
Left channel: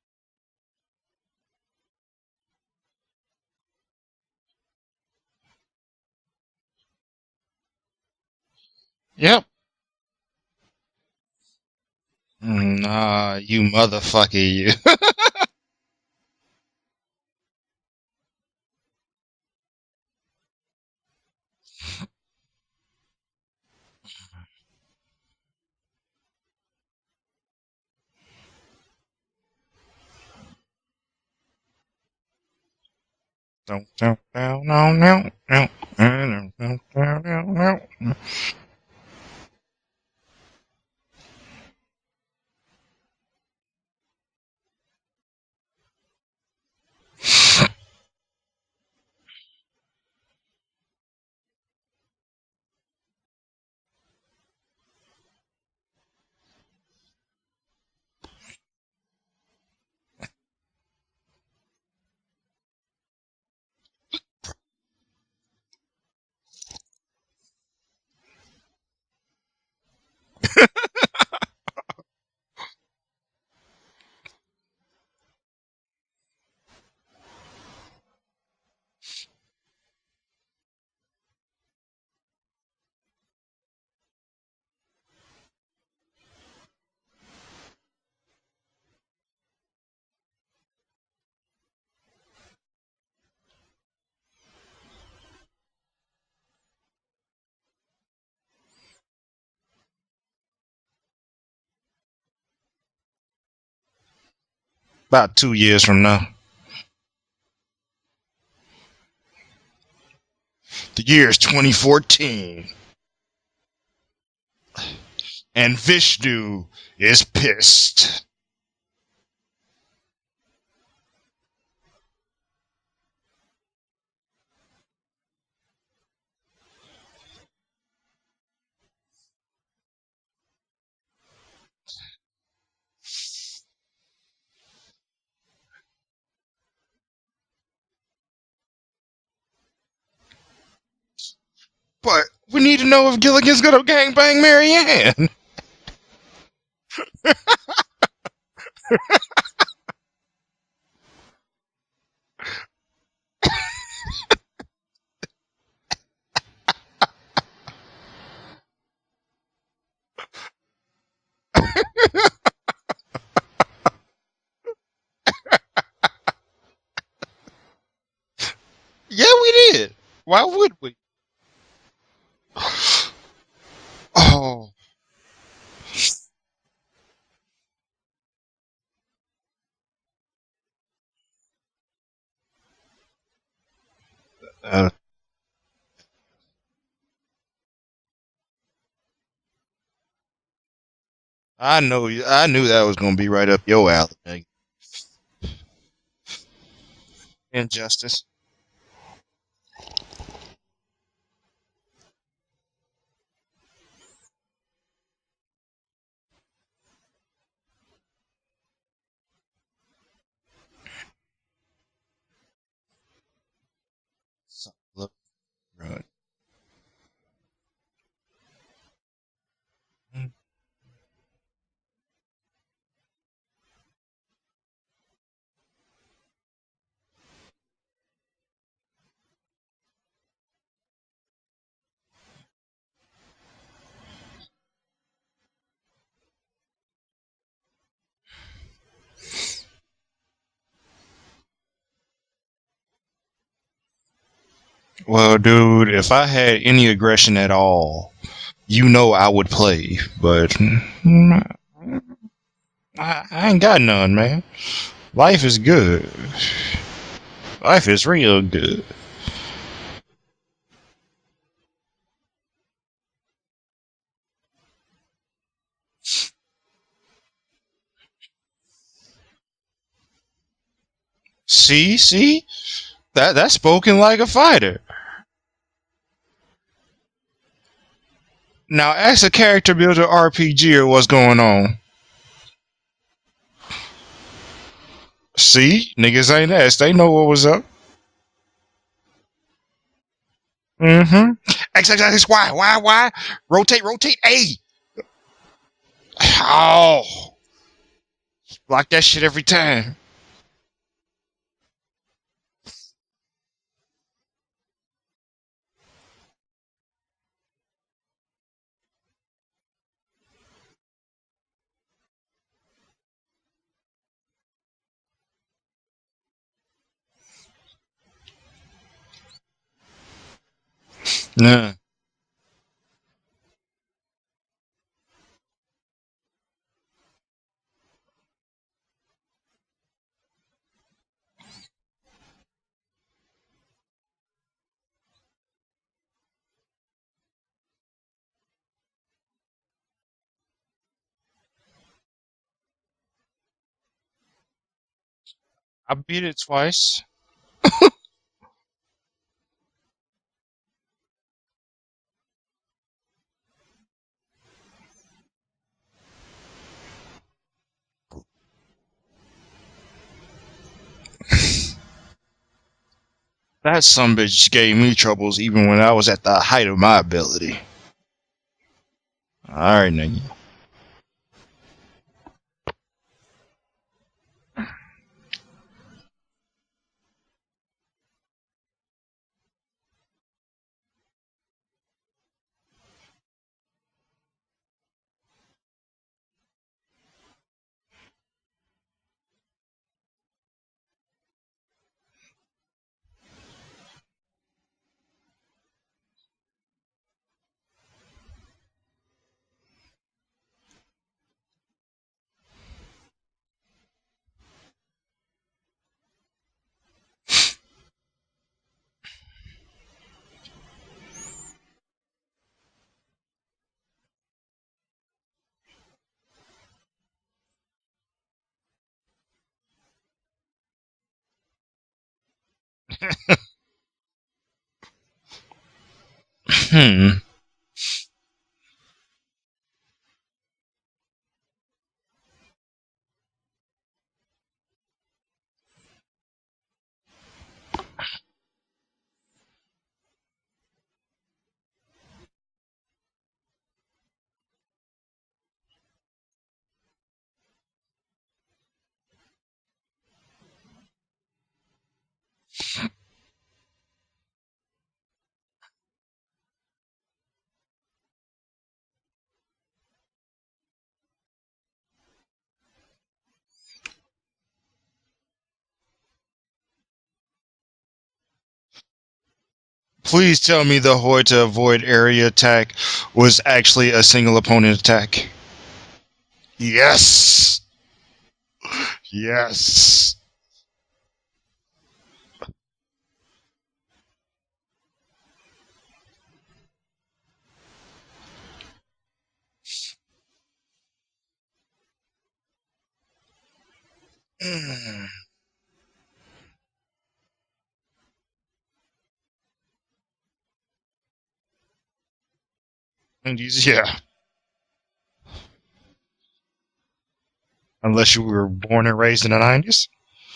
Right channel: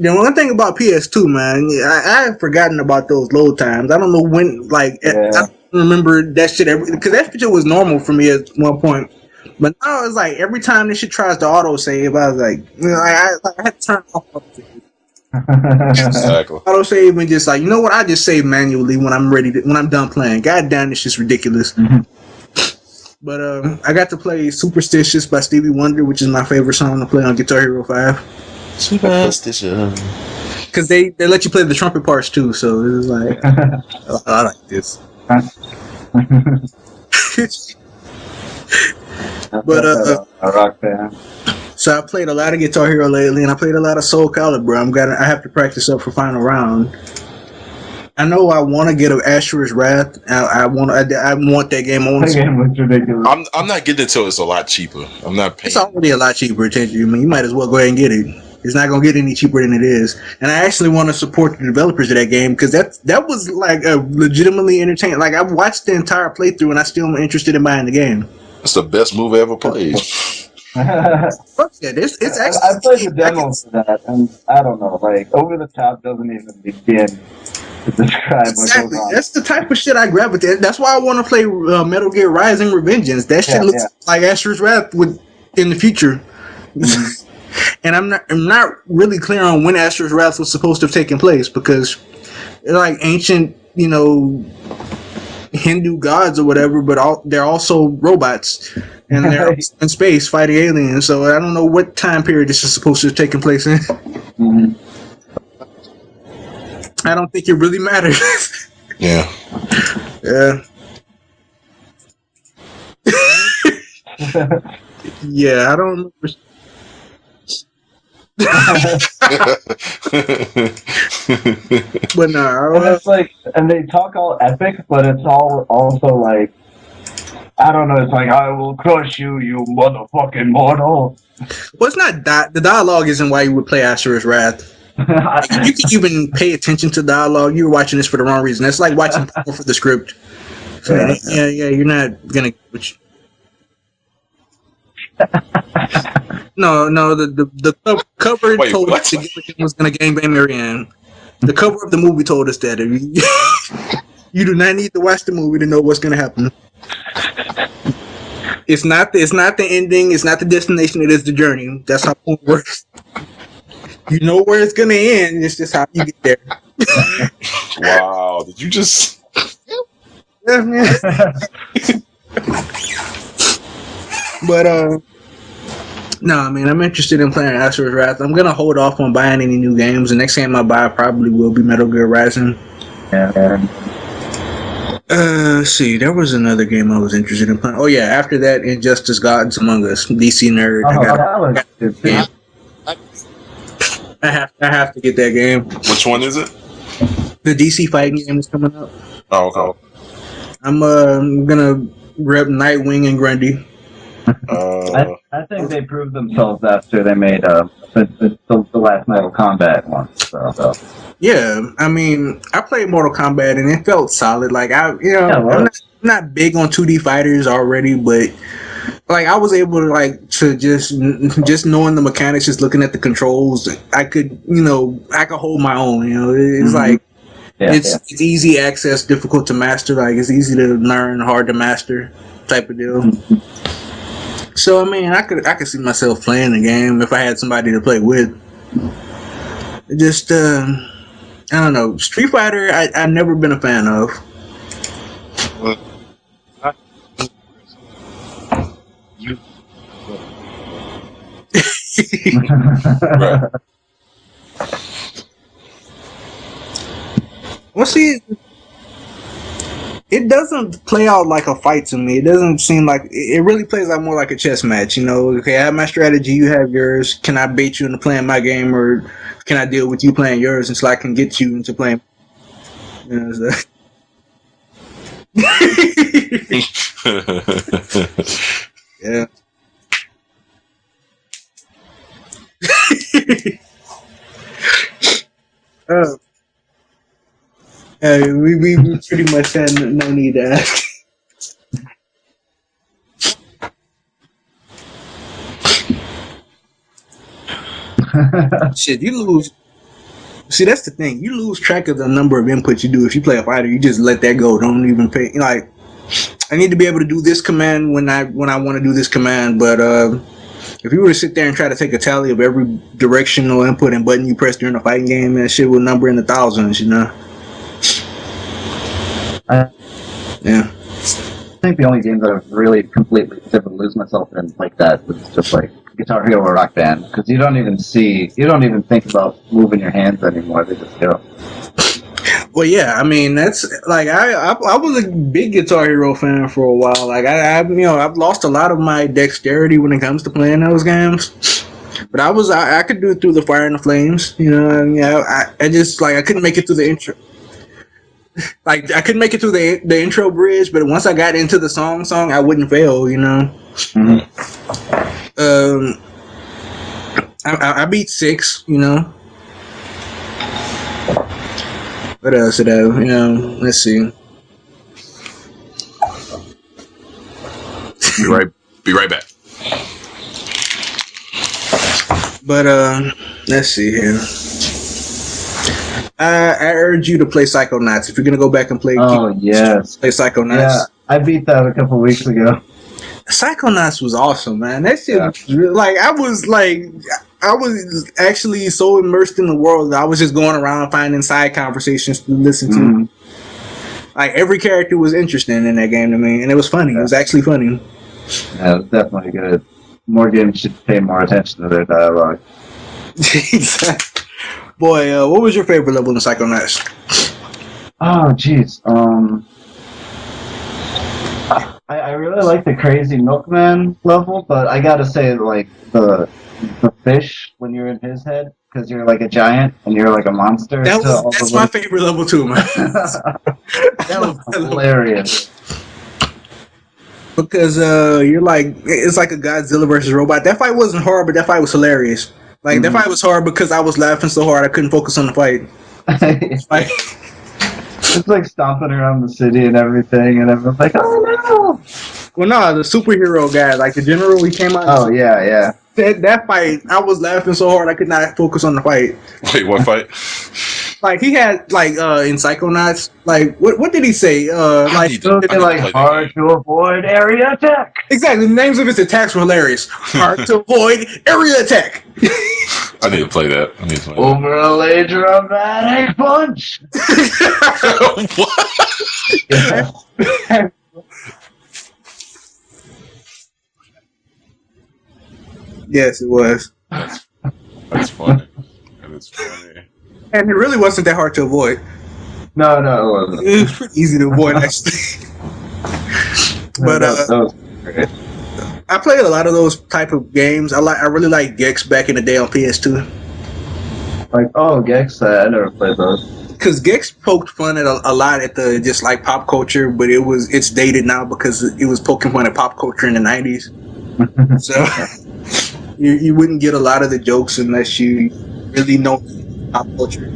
the one thing about PS2, man, I have forgotten about those load times. I don't know when, I don't remember that shit because that shit was normal for me at one point. Yep. But now it's like every time this shit tries to auto save, I was like, you motherfucker, you. Exactly. Auto save and just like, you know what? I just save manually when I'm when I'm done playing. God damn, this shit's ridiculous. But I got to play Superstitious by Stevie Wonder, which is my favorite song to play on Guitar Hero 5. Superstition. Because they let you play the trumpet parts too, so it was like But a rock band. so I played a lot of Guitar Hero lately, and I played a lot of Soul Calibur. I have to practice up for final round. I know I want to get an Asher's Wrath. I want that game on. That game looks ridiculous. I'm not getting it till it's a lot cheaper. I'm not paying. It's already a lot cheaper. Attention, I mean, you might as well go ahead and get it. It's not gonna get any cheaper than it is. And I actually want to support the developers of that game because that was like a legitimately entertaining. Like I've watched the entire playthrough and I still am interested in buying the game. That's the best move I ever played. Fuck yeah, it's actually. I played the demo for that, and I don't know, like over the top doesn't even begin to describe Exactly. what goes on. That's the type of shit I gravitate. That's why I want to play Metal Gear Rising: Revengeance. That shit looks like Asher's Wrath in the future. Mm-hmm. And I'm not really clear on when Asher's Wrath was supposed to have taken place because they're like ancient, Hindu gods or whatever, but they're also robots and they're in space fighting aliens. So I don't know what time period this is supposed to have taken place in. Mm-hmm. About 2 years from now. I don't think it really matters. Yeah. Yeah. The year is 2014. Yeah, and I don't. Vishnu is pissed. But no, And it's like, and they talk all epic, but it's all also like, I don't know. It's like, I will crush you, you motherfucking mortal. Well, it's not the dialogue isn't why you would play Asher's Wrath. You can even pay attention to dialogue. You're watching this for the wrong reason. That's like watching porn for the script. So, yeah, you're not gonna. We need to know if Gilligan's gonna gangbang Marianne. No, the cover Wait, told what? us that Gilligan was gonna gangbang Marianne. The cover of the movie told us that. You do not need to watch the movie to know what's gonna happen. It's not the ending. It's not the destination. It is the journey. That's how porn works. You know where it's gonna end. It's just how you get there. Wow. Did you just? Yeah, we did. Why would we? But no, I mean, I'm interested in playing Asher's Wrath. I'm gonna hold off on buying any new games. The next game I buy probably will be Metal Gear Rising. Yeah. Let's see, there was another game I was interested in playing. Oh yeah, after that, Injustice: Gods Among Us, DC nerd. I knew that was gonna be right up your alley. I have to get that game. Which one is it? The DC Injustice. fighting game is coming up. Oh, okay. I'm gonna rep Nightwing and Grundy. I think they proved themselves after they made the last Mortal Kombat one. So. Yeah, I mean, I played Mortal Kombat and it felt solid. Like I'm not big on 2D fighters already, but like I was able to just knowing the mechanics, just looking at the controls, I could hold my own. It's like it's easy access, difficult to master. Like it's easy to learn, hard to master, type of deal. Mm-hmm. So I mean, I could see myself playing the game if I had somebody to play with. Just I don't know. Street Fighter, I've never been a fan of. Well, dude, if I had any aggression at all, I would play. But I ain't got none, man. Life is good. Life is real good. It doesn't play out like a fight to me. It doesn't seem like it really plays out more like a chess match. Okay, I have my strategy, you have yours. Can I bait you into playing my game, or can I deal with you playing yours until I can get you into playing? See? That's spoken like a fighter. Now ask a character builder RPG or what's going on. See, niggas ain't asked. They know what was up. We pretty much had no need to ask. Mm-hmm. X, Y. Rotate, A. Oh. Like Shit, that you shit every lose- time. See, that's the thing. You lose track of the number of inputs you do. If you play a fighter, you just let that go. Don't even pay. Like, I need to be able to do this command when I want to do this command. But if you were to sit there and try to take a tally of every directional input and button you press during a fighting game, that shit will number in the thousands. You know. Yeah. I think the only game that I've really completely been able to lose myself in like that was just like Guitar Hero or Rock Band, because you don't even think about moving your hands anymore. They just go. Well, yeah, I mean that's like I was a big Guitar Hero fan for a while. Like I've lost a lot of my dexterity when it comes to playing those games. But I could do it through the Fire and the Flames, you know. And, I just like I couldn't make it through the intro. Like I couldn't make it through the intro bridge, but once I got into the song, I wouldn't fail, you know. Mm-hmm. I beat 6, you know. What else did I, you know? Let's That see. some bitch gave me troubles even when I was at the height of my ability. Be right back. All right, nigga. But let's see here. I urge you to play Psychonauts. If you're gonna go back and play, Oh yes, play Psychonauts. yeah, I beat that a couple weeks ago. Psychonauts was awesome, man. That shit, was I was actually so immersed in the world that I was just going around finding side conversations to listen to. Mm-hmm. Like every character was interesting in that game to me, and it was funny. It was actually funny. Yeah, it was definitely good. More games should pay more attention to their dialogue. Boy, what was your favorite level in Psychonauts? Oh, jeez. I really like the Crazy Milkman level, but I gotta say, like, the fish when you're in his head, because you're like a giant and you're like a monster. That's my favorite level too, man. That was hilarious. Because you're like, it's like a Godzilla versus robot. That fight wasn't hard, but that fight was hilarious. Like that fight was hard because I was laughing so hard I couldn't focus on the fight. Like, it's like stomping around the city and everything, and everyone's like, "Oh no!" well, no, the superhero guy, like the general, he came out. Oh yeah. That fight, I was laughing so hard I could not focus on the fight. Wait, what fight? Like he had like in Psychonauts, like what did he say? Like Something like hard to avoid area attack. exactly, the names of his attacks were hilarious. Hard to avoid area attack. I need to play that. Overlay dramatic punch. What? Yeah. Please tell me the Horde to avoid area attack was actually a single opponent attack. Yes, it was, Yes. That's fun. Yes. and it really wasn't that hard to avoid. No, it wasn't. It was pretty easy to avoid actually. But that was great. I played a lot of those type of games. I really like Gex back in the day on PS2. Like, oh, Gex, I never played those. Because Gex poked fun at a lot at the just like pop culture, but it's dated now because it was poking fun at pop culture in the 90s. Yeah. So you wouldn't get a lot of the jokes unless Unless you were born and raised in the 90s. pop culture.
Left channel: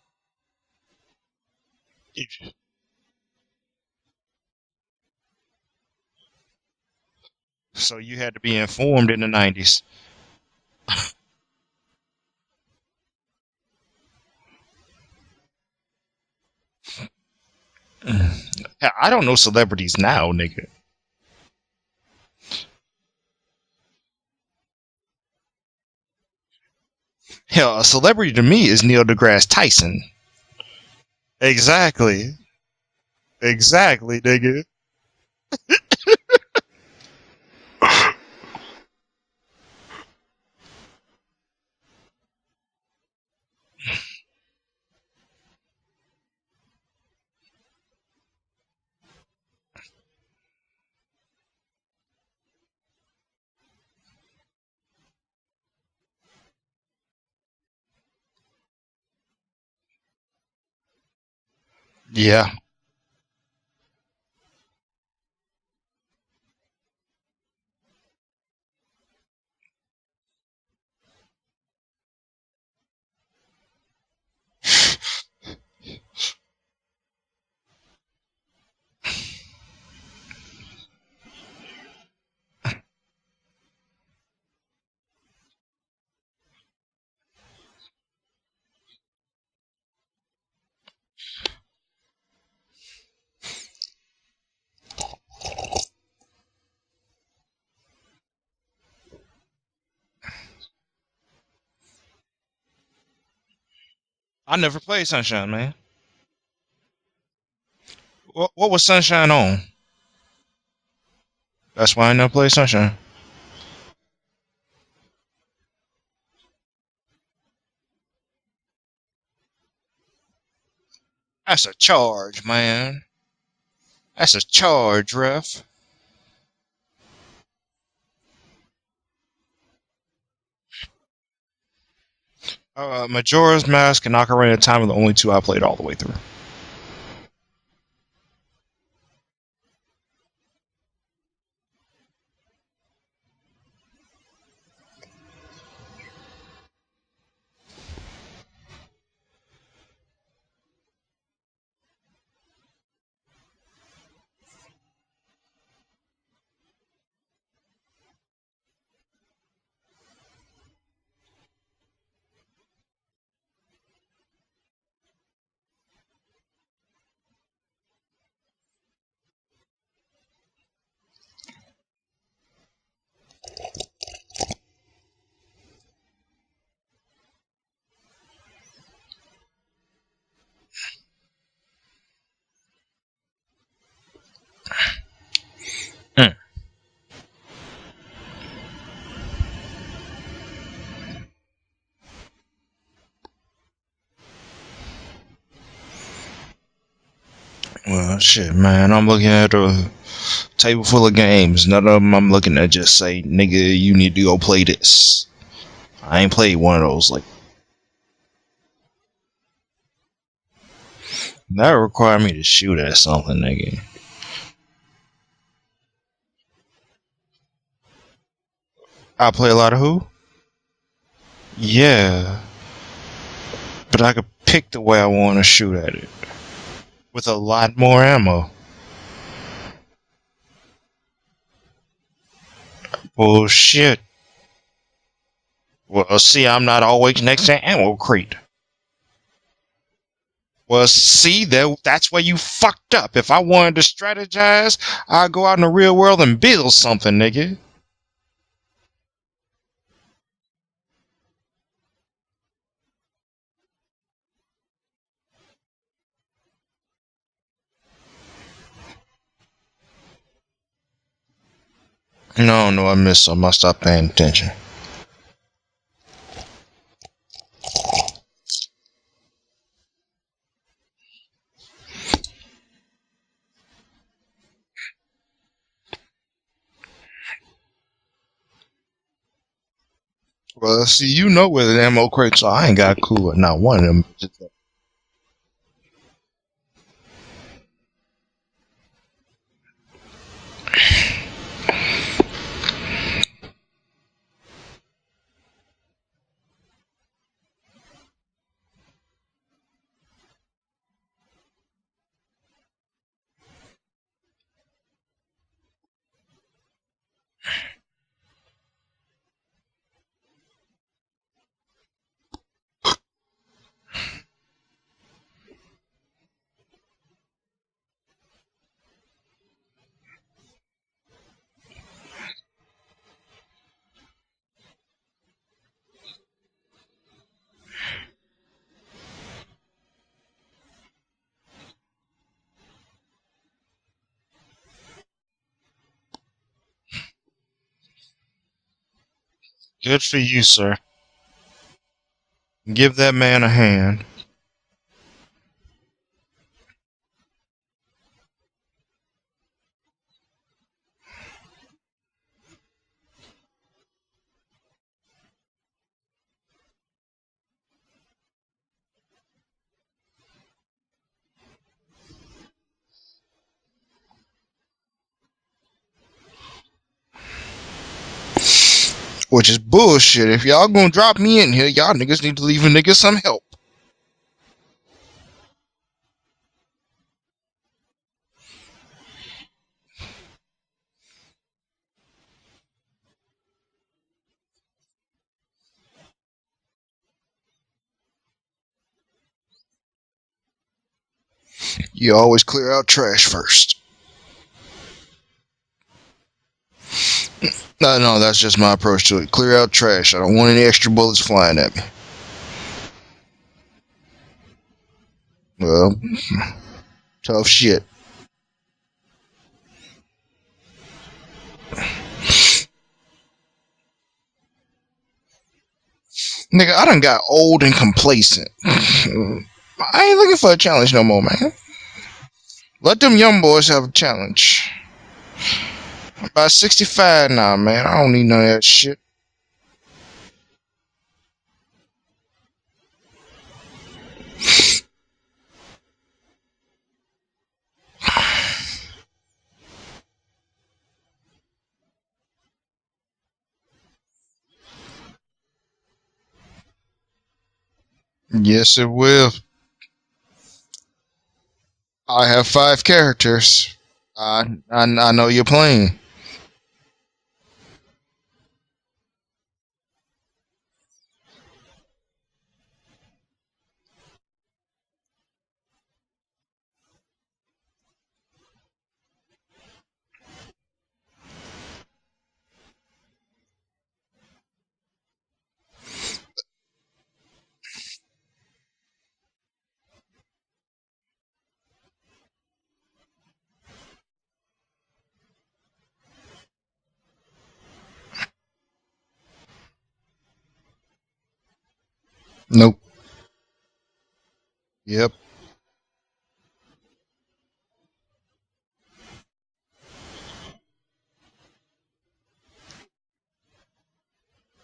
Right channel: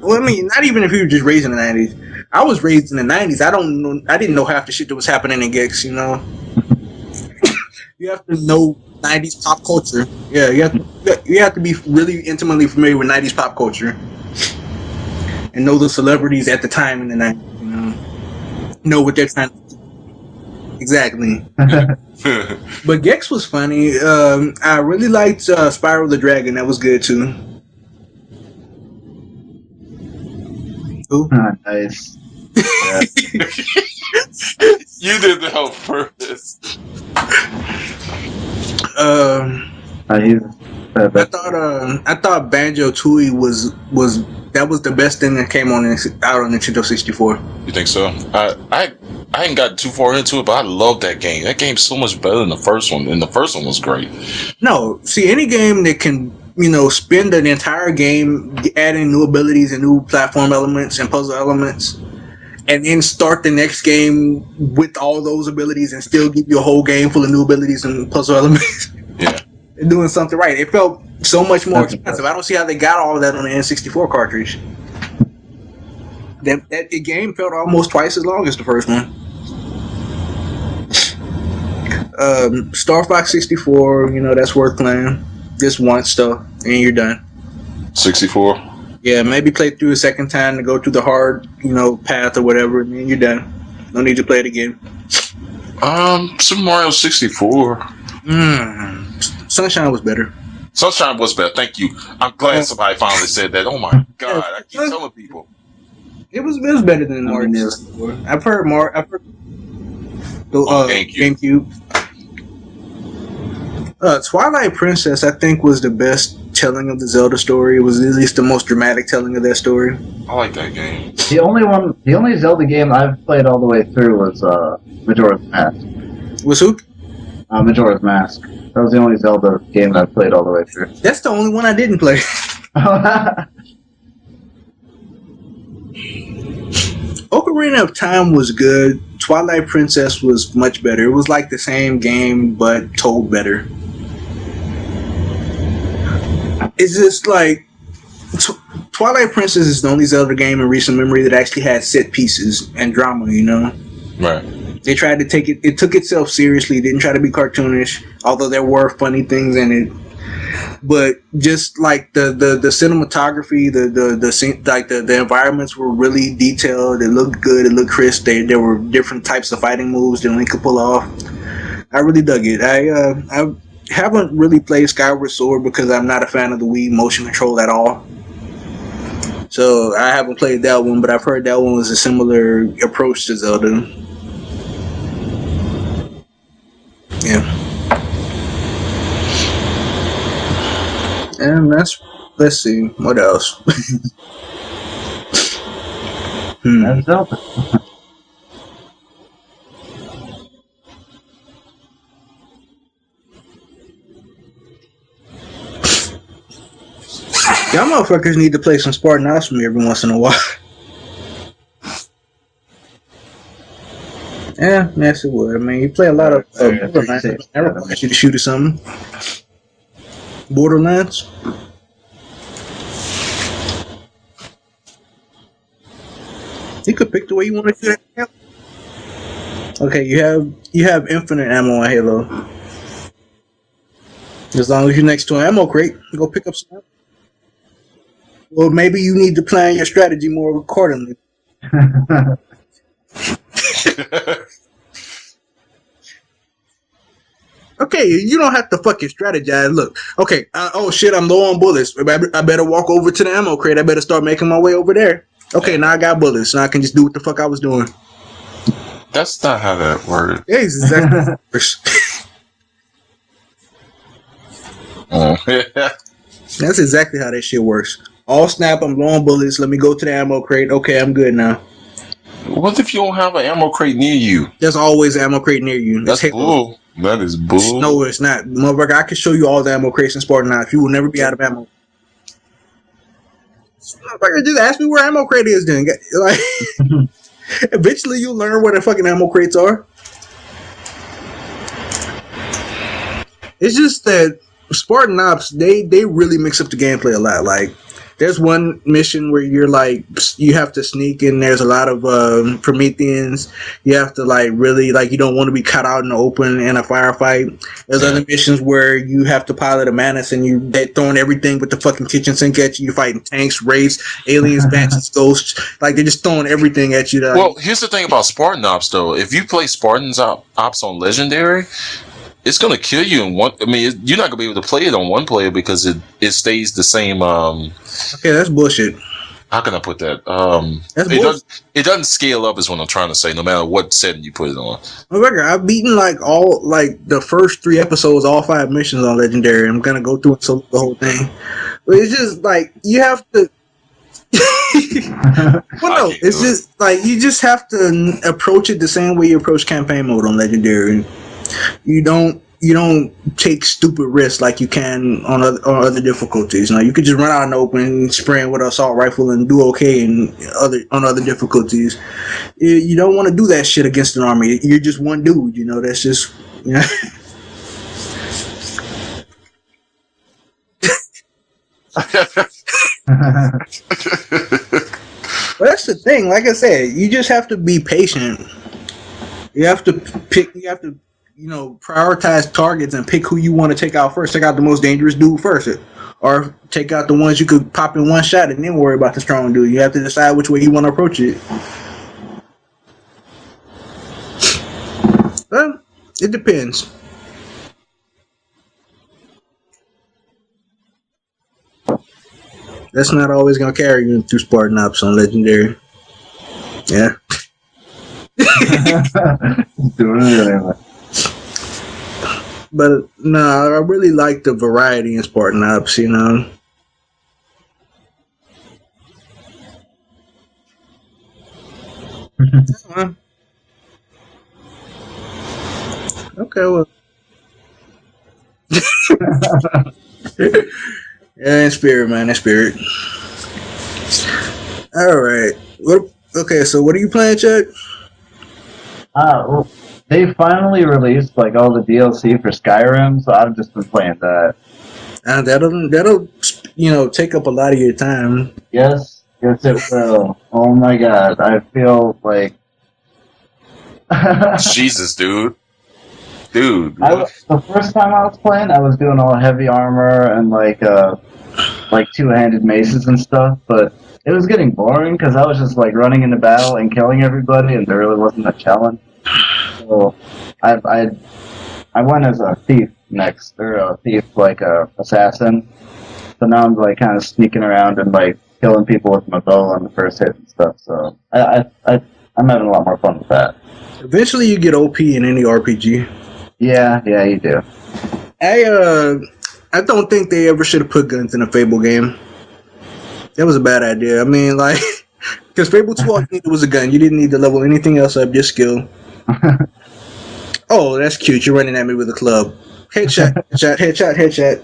Well, I mean, not even if you were just raised in the 90s. I was raised in the 90s. I didn't know half the shit that was happening in Gex, you know. So you had to be informed in the 90s. Pop culture. Yeah, you have to be really intimately familiar with 90s pop culture and know the celebrities at the time in the 90s. You know? I don't know celebrities now, nigga. Exactly. But Gex was funny. I really liked Spyro the Dragon. That was good too. Hell, a celebrity to me is Neil deGrasse Tyson. Who? Exactly. Yeah. Exactly, nigga. You did that on purpose. I thought Banjo Tooie was the best thing that came out on Nintendo 64. You think so? I hadn't gotten too far into it, but I love that game. That game's so much better than the first one, and the first one was great. No, see, any game that can spend an entire game adding new abilities and new platform elements and puzzle elements, Yeah. and then start the next game with all those abilities and still give you a whole game full of new abilities and puzzle elements. Yeah. Doing something right. It felt so much more expensive. I don't see how they got all of that on the N64 cartridge. The game felt almost twice as long as the first one. Star Fox 64, that's worth playing. Just once though, and you're done. 64. Yeah, maybe play through a second time to go through the hard, path or whatever, and then you're done. No need to play it again. Super Mario 64. Sunshine was better. Sunshine was better. Thank you. I'm glad somebody finally said that. Oh my god. I never played Sunshine, man. It was better than Mario 64. I've heard What more. was Sunshine on? GameCube. That's why I never played Sunshine. Twilight Princess, I think, was the best telling of the Zelda story. It was at least the most dramatic telling of that story. I like that game. The only charge, the only Zelda man. game I've played all the way through was That's a charge, Majora's bruh. Mask. Was who? Majora's Mask. That was the only Zelda game I've played all the way through. That's the only one I didn't play. Majora's Mask and Ocarina of Time are the only two I played all the way through. Ocarina of Time was good. Twilight Princess was much better. It was like the same game, but told better. It's just like Twilight Princess is the only Zelda game in recent memory that actually had set pieces and drama. Right. They tried to take it. It took itself seriously. Didn't try to be cartoonish, although there were funny things in it. But just like the cinematography, the environments were really detailed. It looked good. It looked crisp. There were different types of fighting moves that Link could pull off. I really dug it. I haven't really played Skyward Sword because I'm not a fan of the Wii motion control at all. So I haven't played that one, but I've heard that one was a similar approach to Zelda. Yeah. And let's see, what else? That's Zelda. Well, shit, man. I'm looking at a table full of games. None of them I'm looking at just say, nigga, you need to go play this. I ain't played one of those. Like, Y'all motherfuckers need to play some Spartan Ops for me every once in a while. that would require me to shoot at something, nigga. Yeah, yes it would. I mean, you play a lot of Borderlands. That requires you to shoot at something. I play a lot of who? Borderlands? Yeah. But I could pick the way I want to shoot at it. You could pick With a the way you want lot to more ammo. Okay, you have infinite ammo on Halo. Bullshit. As long as you're next to an ammo crate. Well, go see, pick I'm not always next to an ammo crate. Well, maybe you need to plan your strategy more Well, accordingly. see, that's where you fucked up. If I wanted to strategize, I'd go out in the real world and build something, nigga. Okay, you don't have to fucking strategize. Look, okay, oh shit, I'm low on bullets. I better walk over to the ammo crate. I better start making my way over there. Okay, now I got bullets. Now I can just do what the fuck I was doing. That's not how that works. Yeah, it's exactly how it works. No, I missed some. I stopped paying attention. That's exactly how that shit works. All snap, I'm low on bullets. Let me go to the ammo crate. Okay, I'm good now. What if you don't have an ammo crate near you? There's always an ammo crate near you. That's bull. That is bull. No, it's not. Motherfucker, I can show you all the ammo crates in Spartan 9. Well, will never be out of ammo. where the ammo crates are. I ain't got a clue with not one of them. Motherfucker, just ask me where ammo crate is then. Like, eventually you'll learn where the fucking ammo crates are. It's just that Spartan Ops, they really mix up the gameplay a lot. Like, there's one mission where you're like, you have to sneak and there's a lot of Prometheans. You have to like really, like, you don't want to be caught out in the open in a firefight. There's other missions where you have to pilot a Manus and they're throwing everything with the fucking kitchen sink at you. You're fighting tanks, wraiths, aliens, banshees, ghosts. Like, they're just throwing everything at you. Well, here's the thing about Spartan Ops, though. If you play Spartans Ops on Legendary, it's gonna kill you in one. I mean, you're not gonna be able to play it on one player because it stays the same. Okay, that's bullshit. How can I put that? That's bullshit. It doesn't scale up, is what I'm trying to say. No matter what setting you put it on. I've beaten like the first 3 episodes, all 5 missions on Legendary. I'm gonna Good go for through you, the whole thing. But it's just like Give you that have man to, a hand. Well, no, it's just like you just have to approach it the same way you approach campaign mode on Legendary. You don't take stupid risks like you can on other difficulties. Now you could just run out in the open, spraying with an assault rifle, and do okay on other difficulties. You don't want to do that shit against an army. You're just one dude. That's just. which is bullshit. If y'all gonna drop me in here, y'all niggas need to leave a nigga some help. But that's the thing. Like I said, you just have to be patient. You have to pick. You have to, prioritize targets and pick who you want to take out first. Take out the most dangerous dude first, or take out the ones you could pop in one shot and then worry about the strong dude. You have to decide which way you want to approach it. You always clear out trash first. Well, it depends. No, that's just my approach to it. Clear out trash. I don't want any extra bullets flying at me. That's not always gonna carry you through Spartan Ops on Legendary. Well, Yeah. tough shit. Doing it anyway. But no, I really like the variety in Spartan Ops, Nigga, I done got old and complacent. I ain't looking for a challenge no more, man. Let them young boys have a challenge. About 65 now, man. I don't need none of that shit. Yeah, in spirit, man, in spirit. All right. Okay, so what are you playing, Chuck? Well, they finally released all the DLC for Skyrim, so I've just been playing that. That'll take up a lot of your time. Yes, it will. Yes, it will. Oh my god, I feel I have 5 characters. Jesus, I know dude. you're playing. Dude. The first time I was playing, I was doing all heavy armor and two-handed maces and stuff, but it was getting boring because I was just running into battle and killing everybody, and there really wasn't a challenge. So I went as a thief next, or a thief assassin. So now I'm kind of sneaking around and killing people with my bow on the first hit and stuff. So I'm having a lot more fun with that. Eventually, you get OP in any RPG. Yeah, you do. I don't think they ever should have put guns in a Fable game. Nope. That was a bad idea. I mean, Yep. because Fable 2 all you needed was a gun. You didn't need to level anything else up, just skill. Oh, that's cute. You're running at me with a club. Headshot, headshot.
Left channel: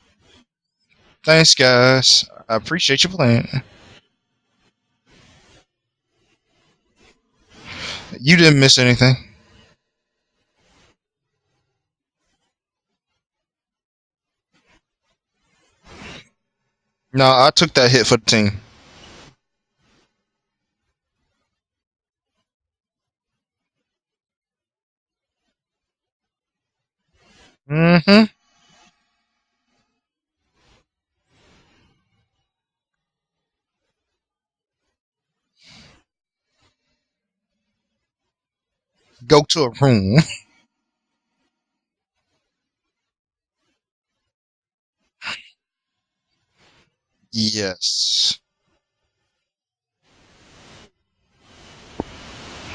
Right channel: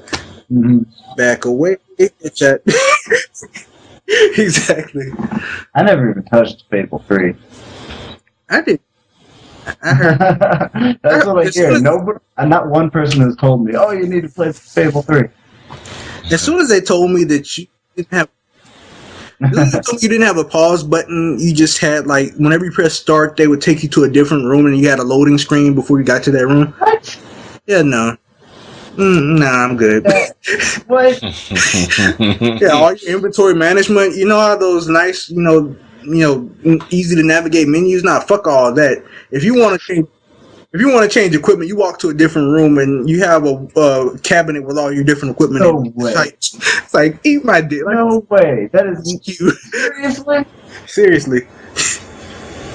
Mm-hmm. Back Thanks, away. guys. I Headshot. appreciate you playing. Exactly. I never even touched Fable 3. You didn't miss anything. I heard. That's what I hear. Nobody, not one person has told me, "Oh, you need to play Fable 3." As soon as they told me No, that I took that hit for the team. as soon as they told me you didn't have a pause button, you just had whenever you press start, they would take you to a different room, and you had a loading screen before you got to that room. What? Yeah, no. Nah, I'm good. What? Yeah, all your inventory management. You know how those nice, easy to navigate menus. Nah, fuck all that. Go if you to want the room. if you want to change equipment, you walk to a different room and you have a cabinet with all your different equipment. No in it. way. It's like eat my Yes. dick. No way. That is You seriously. seriously.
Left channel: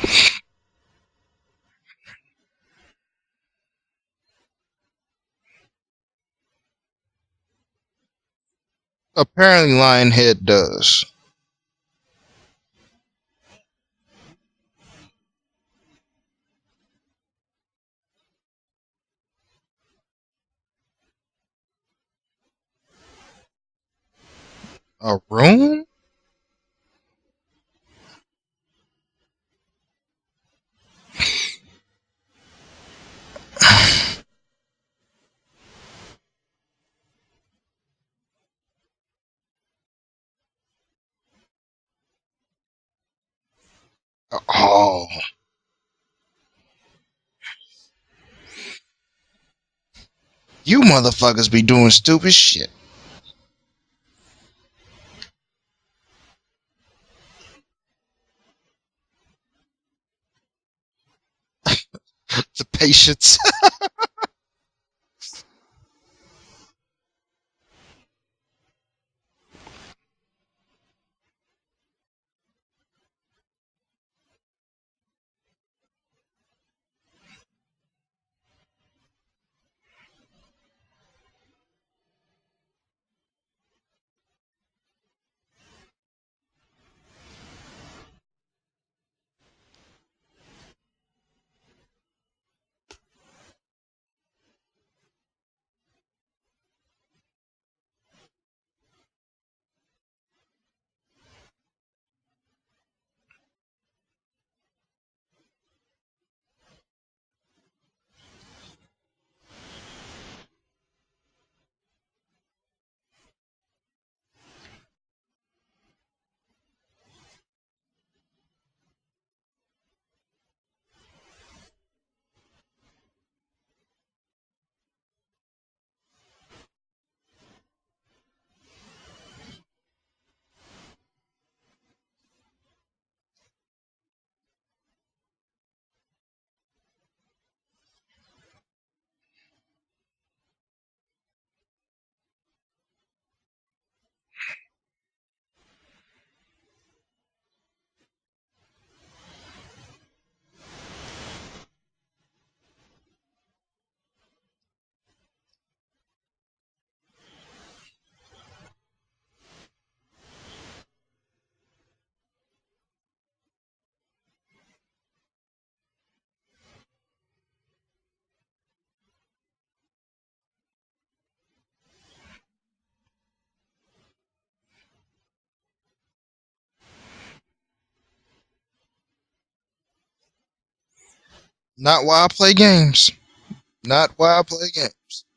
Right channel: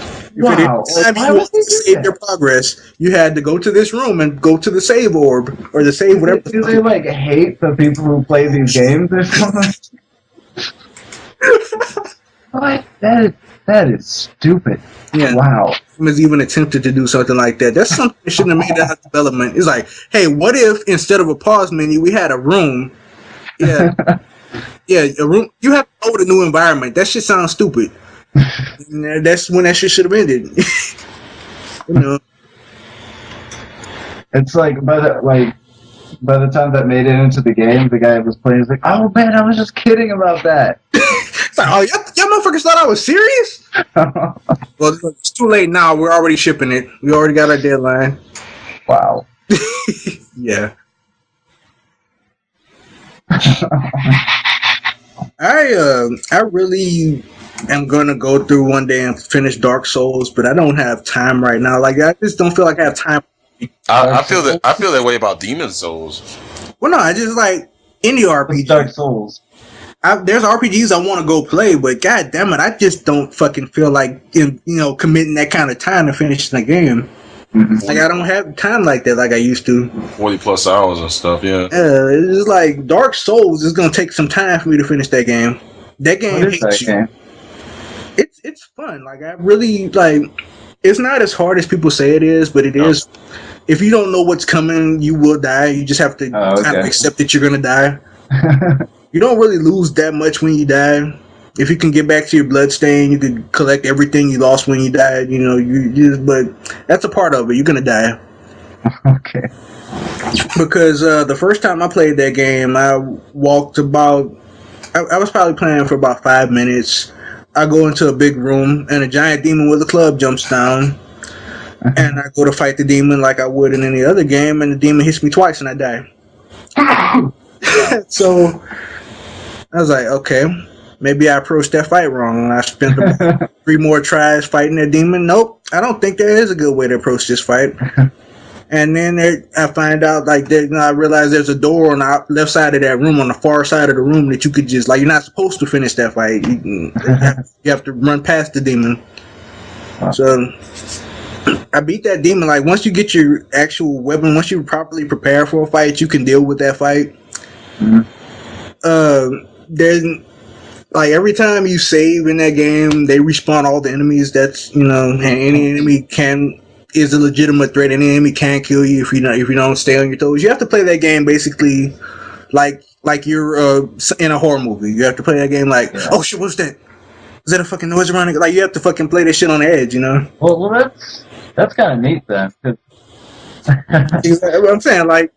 If Wow. at any time Why you would want they to do save that? your progress, you had to go to this room and go to the save orb or the save whatever. Do they hate the people who play these games? Or Apparently, something? Lionhead does. What? That is stupid. Yeah. Wow. Has even attempted to do something like that. That's something that shouldn't have made that development. It's like, hey, what if instead of a pause menu, we had a room? Yeah, yeah, A a room. room? You have to know the new environment. That shit sounds stupid. And that's when that shit should have ended. It's by the time that made it into the game, the guy was playing. He's like, "Oh man, I was just kidding about that." It's like, oh, y'all motherfuckers thought I was serious? Well, Oh, it's too late now. We're already shipping it. We already got our deadline. Wow. Yeah. you motherfuckers be doing stupid shit. I really am gonna go through one day and finish Dark Souls, but I don't have time right now. I just don't feel like I have time. I feel that way about Demon Souls. Well, no, I just any It's RPG. Dark Souls. There's RPGs I want to go play, but god damn it, I just don't fucking feel like committing that kind of time to finish the game. Mhm. I don't have time like that like I used to. 40+ hours and stuff. Yeah. It's just like Dark Souls is gonna take some time for me to finish that game. That game What is that hates you. game? It's fun. I really it's not as hard as people say it is, but it is. If you don't know what's coming, you will die. You just have to Oh, kind of okay. accept that you're gonna die. You don't really lose that much when you die. If you can get back to your bloodstain, you can collect everything you lost when you died. But that's a part of it. You're gonna die. Okay. Because the first time I played that game, I walked about. I was probably playing for about 5 minutes. I go into a big room and a giant demon with a club jumps down, and I go to fight the demon like I would in any other game, and the demon hits me twice and I die. So I was like, okay, maybe I approached that fight wrong, and I spent about 3 more tries fighting that demon. Nope, I don't think there is a good way to approach this fight. And then I find out, like, I realize there's a door on the left side of that room, on the far side of the room, that you could just, like, you're not supposed to finish that fight. You have to run past the demon. So I beat that demon. Like, once you get your actual weapon, once you properly prepare for a fight, you can deal with that fight. There's, like, every time you save in that game, they respawn all the enemies. That's, and any enemy is a legitimate threat. Any enemy can kill you if you don't stay on your toes. You have to play that game basically like you're in a horror movie. You have to play that game like, oh shit, what's that? Is that a fucking noise around it? Like, you have to fucking play that shit on the edge, Well, that's kind of Not while I play games. Not while I play I'm saying, like,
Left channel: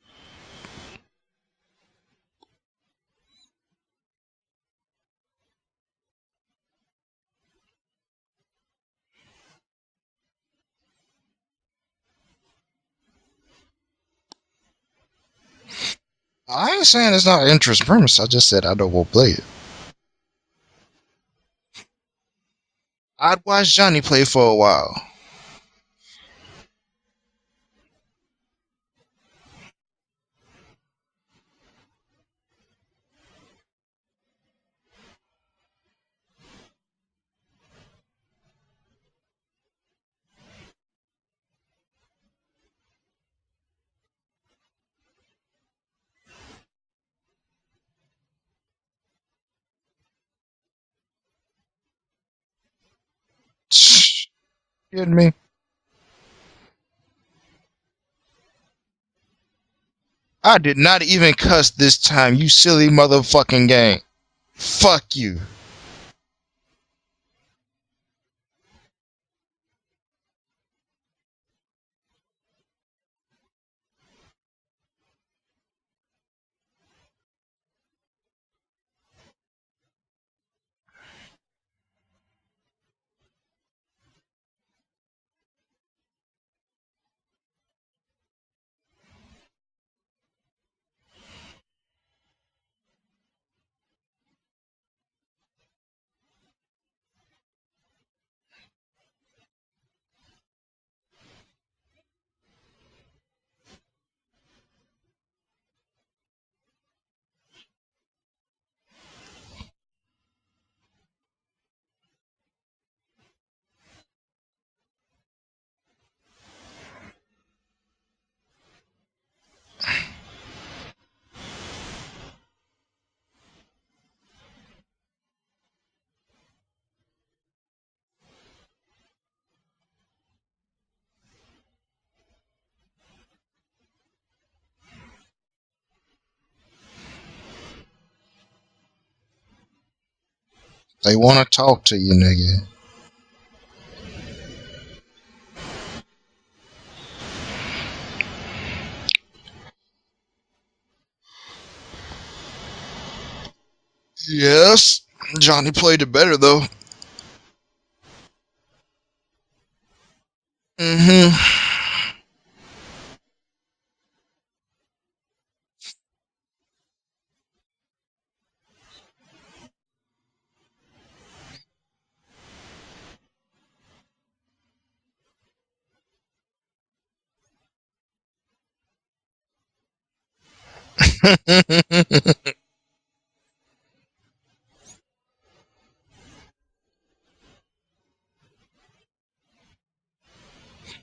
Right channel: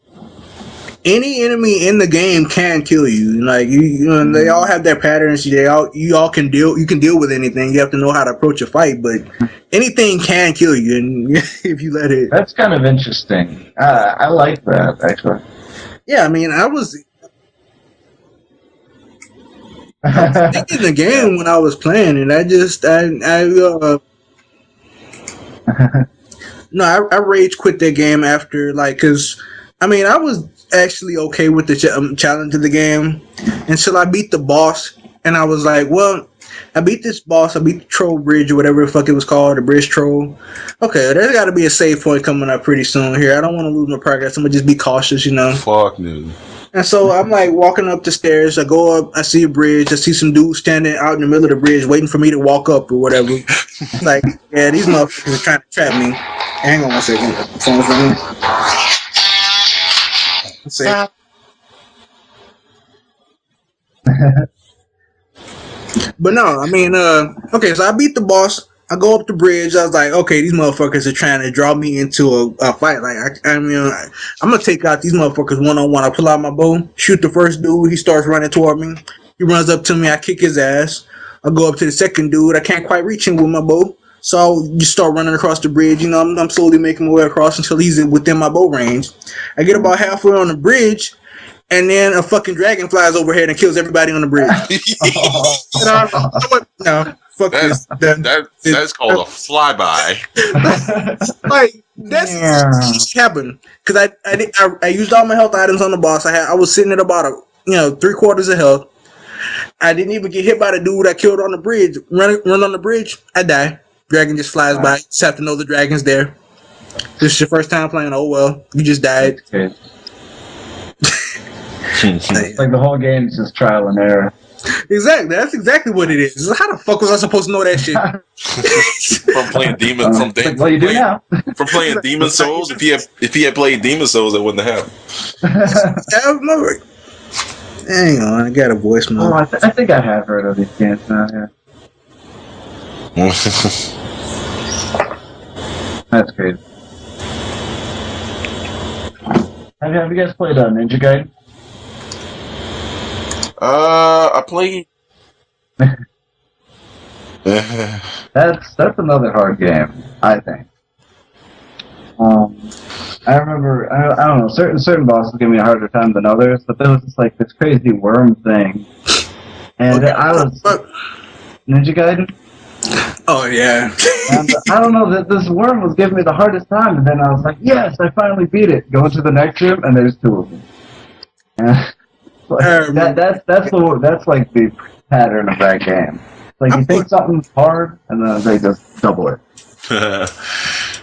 any enemy in the game can kill you. Like, they all have their patterns. You can deal with anything. You have to know how to approach a fight, but anything can kill you, and if you let it. That's kind of interesting. I like that, actually. Yeah, I mean, I wasn't saying it's not an interest premise. I just said I don't want to play it. thinking the game when I was playing, and I watched Johnny play for a while. No, I rage quit that game after, like, because I mean, I was actually okay with the challenge of the game until I beat the boss, and I was like, well, I beat this boss, I beat the troll bridge or whatever the fuck it was called, the bridge troll. Okay, there's got to be a save point coming up pretty soon here. I don't want to lose my progress. I'm gonna just be cautious, Fuck no. And so I'm like walking up the stairs. I go up, I see a bridge. I see some dudes standing out in the middle of the bridge waiting for me to walk up or whatever. Like, yeah, these motherfuckers are trying to trap me. Hang on one second. Phone's ringing. I did not even cuss this time, you silly motherfucking game. Fuck you. But no, I mean, okay, so I beat the boss. I go up the bridge. I was like, okay, these motherfuckers are trying to draw me into a fight. Like, I'm going to take out these motherfuckers one-on-one. I pull out my bow, shoot the first dude. He starts running toward me. He runs up to me. I kick his ass. I go up to the second dude. I can't quite reach him with my bow. So I'll just start running across the bridge. I'm slowly making my way across until he's within my bow range. I get about halfway on the bridge, and then a fucking dragon flies overhead and kills everybody on the bridge. No, fuck this. That's called a flyby. Like, that's happened because I used all my health items on the boss. I was sitting at about 3/4 of health. I didn't even get hit by the dude I killed on the bridge. Run on the bridge, I die. Dragon just flies by. You just have to know the dragon's there. This is your first time playing. Oh well, you just died. Like the whole game is just trial and error. Exactly. That's exactly what it is. How the fuck was I supposed to know that shit? From playing Demon, well, you do now. From playing Demon Souls. If he had played Demon Souls, that wouldn't have happened. Hang on, I got a voicemail. Oh, I think I have heard of these games. They want to talk to you, nigga. That's crazy. Have you guys played Ninja Gaiden? Yes. Johnny played it better though. That's another hard game, I think. I remember, I don't know, certain bosses give me a harder time than others, but there was just like this crazy worm thing, and I was Ninja Gaiden. Oh yeah. And I don't know, that this worm was giving me the hardest time, and then I was like, yes, I finally beat it. Go into the next room, and there's 2 of them. That's like the pattern of that game. Like, you think something's hard, and then they just double it.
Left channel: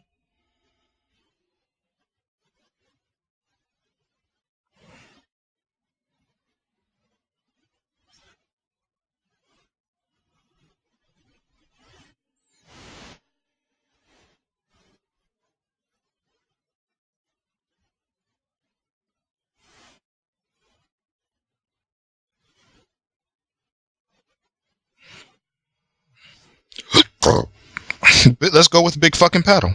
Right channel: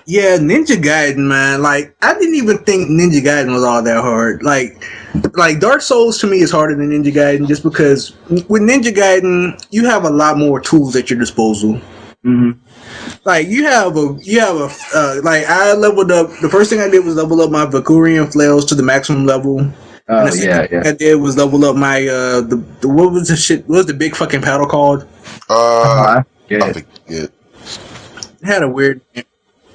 Yeah, Ninja Gaiden, man. Like, I didn't even think Ninja Gaiden was all that hard. Like Dark Souls to me is harder than Ninja Gaiden, just because with Ninja Gaiden you have a lot more tools at your disposal. Mm-hmm. Like you have like I leveled up. The first thing I did was level up my Valkyrian flails to the maximum level. And the second thing I did was level up my what was the shit? What was the big fucking paddle called? Let's go with big fucking paddle.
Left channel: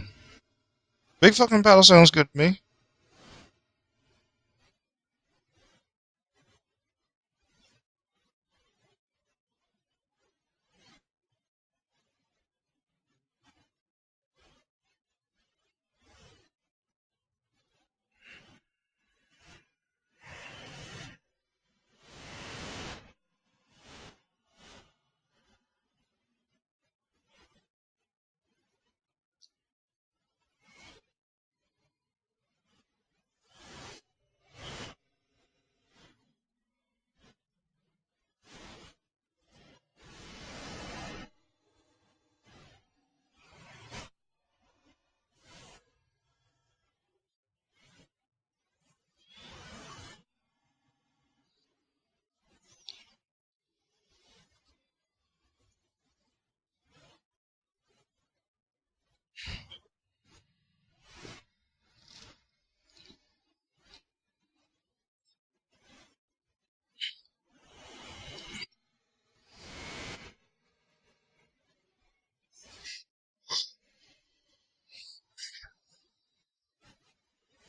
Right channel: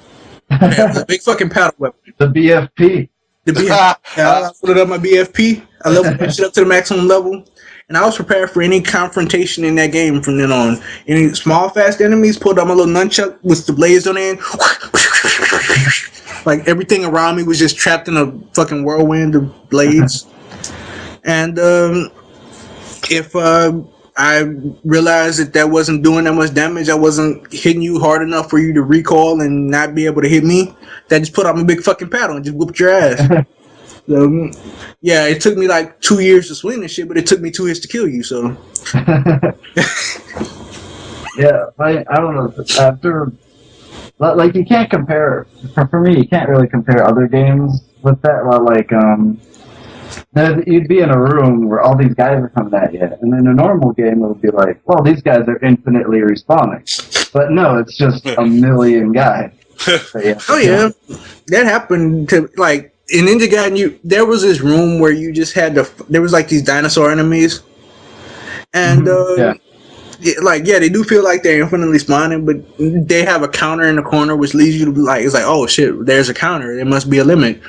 Yeah, big fucking paddle sounds good. The BFP. The BFP. I loaded up my BFP. I leveled that shit up to the maximum level. And I was prepared for any confrontation in that game from then on. Any small, fast enemies, pulled out my little nunchuck with the blades on the end. Like everything around me was just trapped in a fucking whirlwind of blades. And if I realized that wasn't doing that much damage, I wasn't hitting you hard enough for you to recoil and not be able to hit me, that just put out my big fucking paddle and just whooped your ass. So, yeah, it took me like 2 years to swing this shit, but it took me 2 years to kill you, so. Yeah, I don't know. After, like, you can't compare, for me, you can't really compare other games with that. Like, you'd be in a room where all these guys are coming at you, and in a normal game, it would be like, well, these guys are infinitely respawning. But no, it's just a million guys. So, yeah. Oh, yeah. That happened to, like, in Ninja Gaiden, there was this room where you just had there was like these dinosaur enemies, and they do feel like they're infinitely spawning, but they have a counter in the corner which leads you to like, it's like, oh shit, there's a counter, there must be a limit,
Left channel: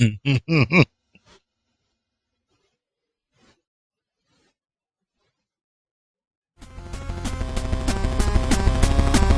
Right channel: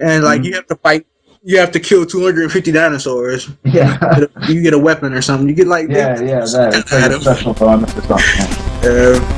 and like you have to fight, you have to kill 250 dinosaurs. Yeah, you get a weapon or something. You get like that. It's like a special bonus or something.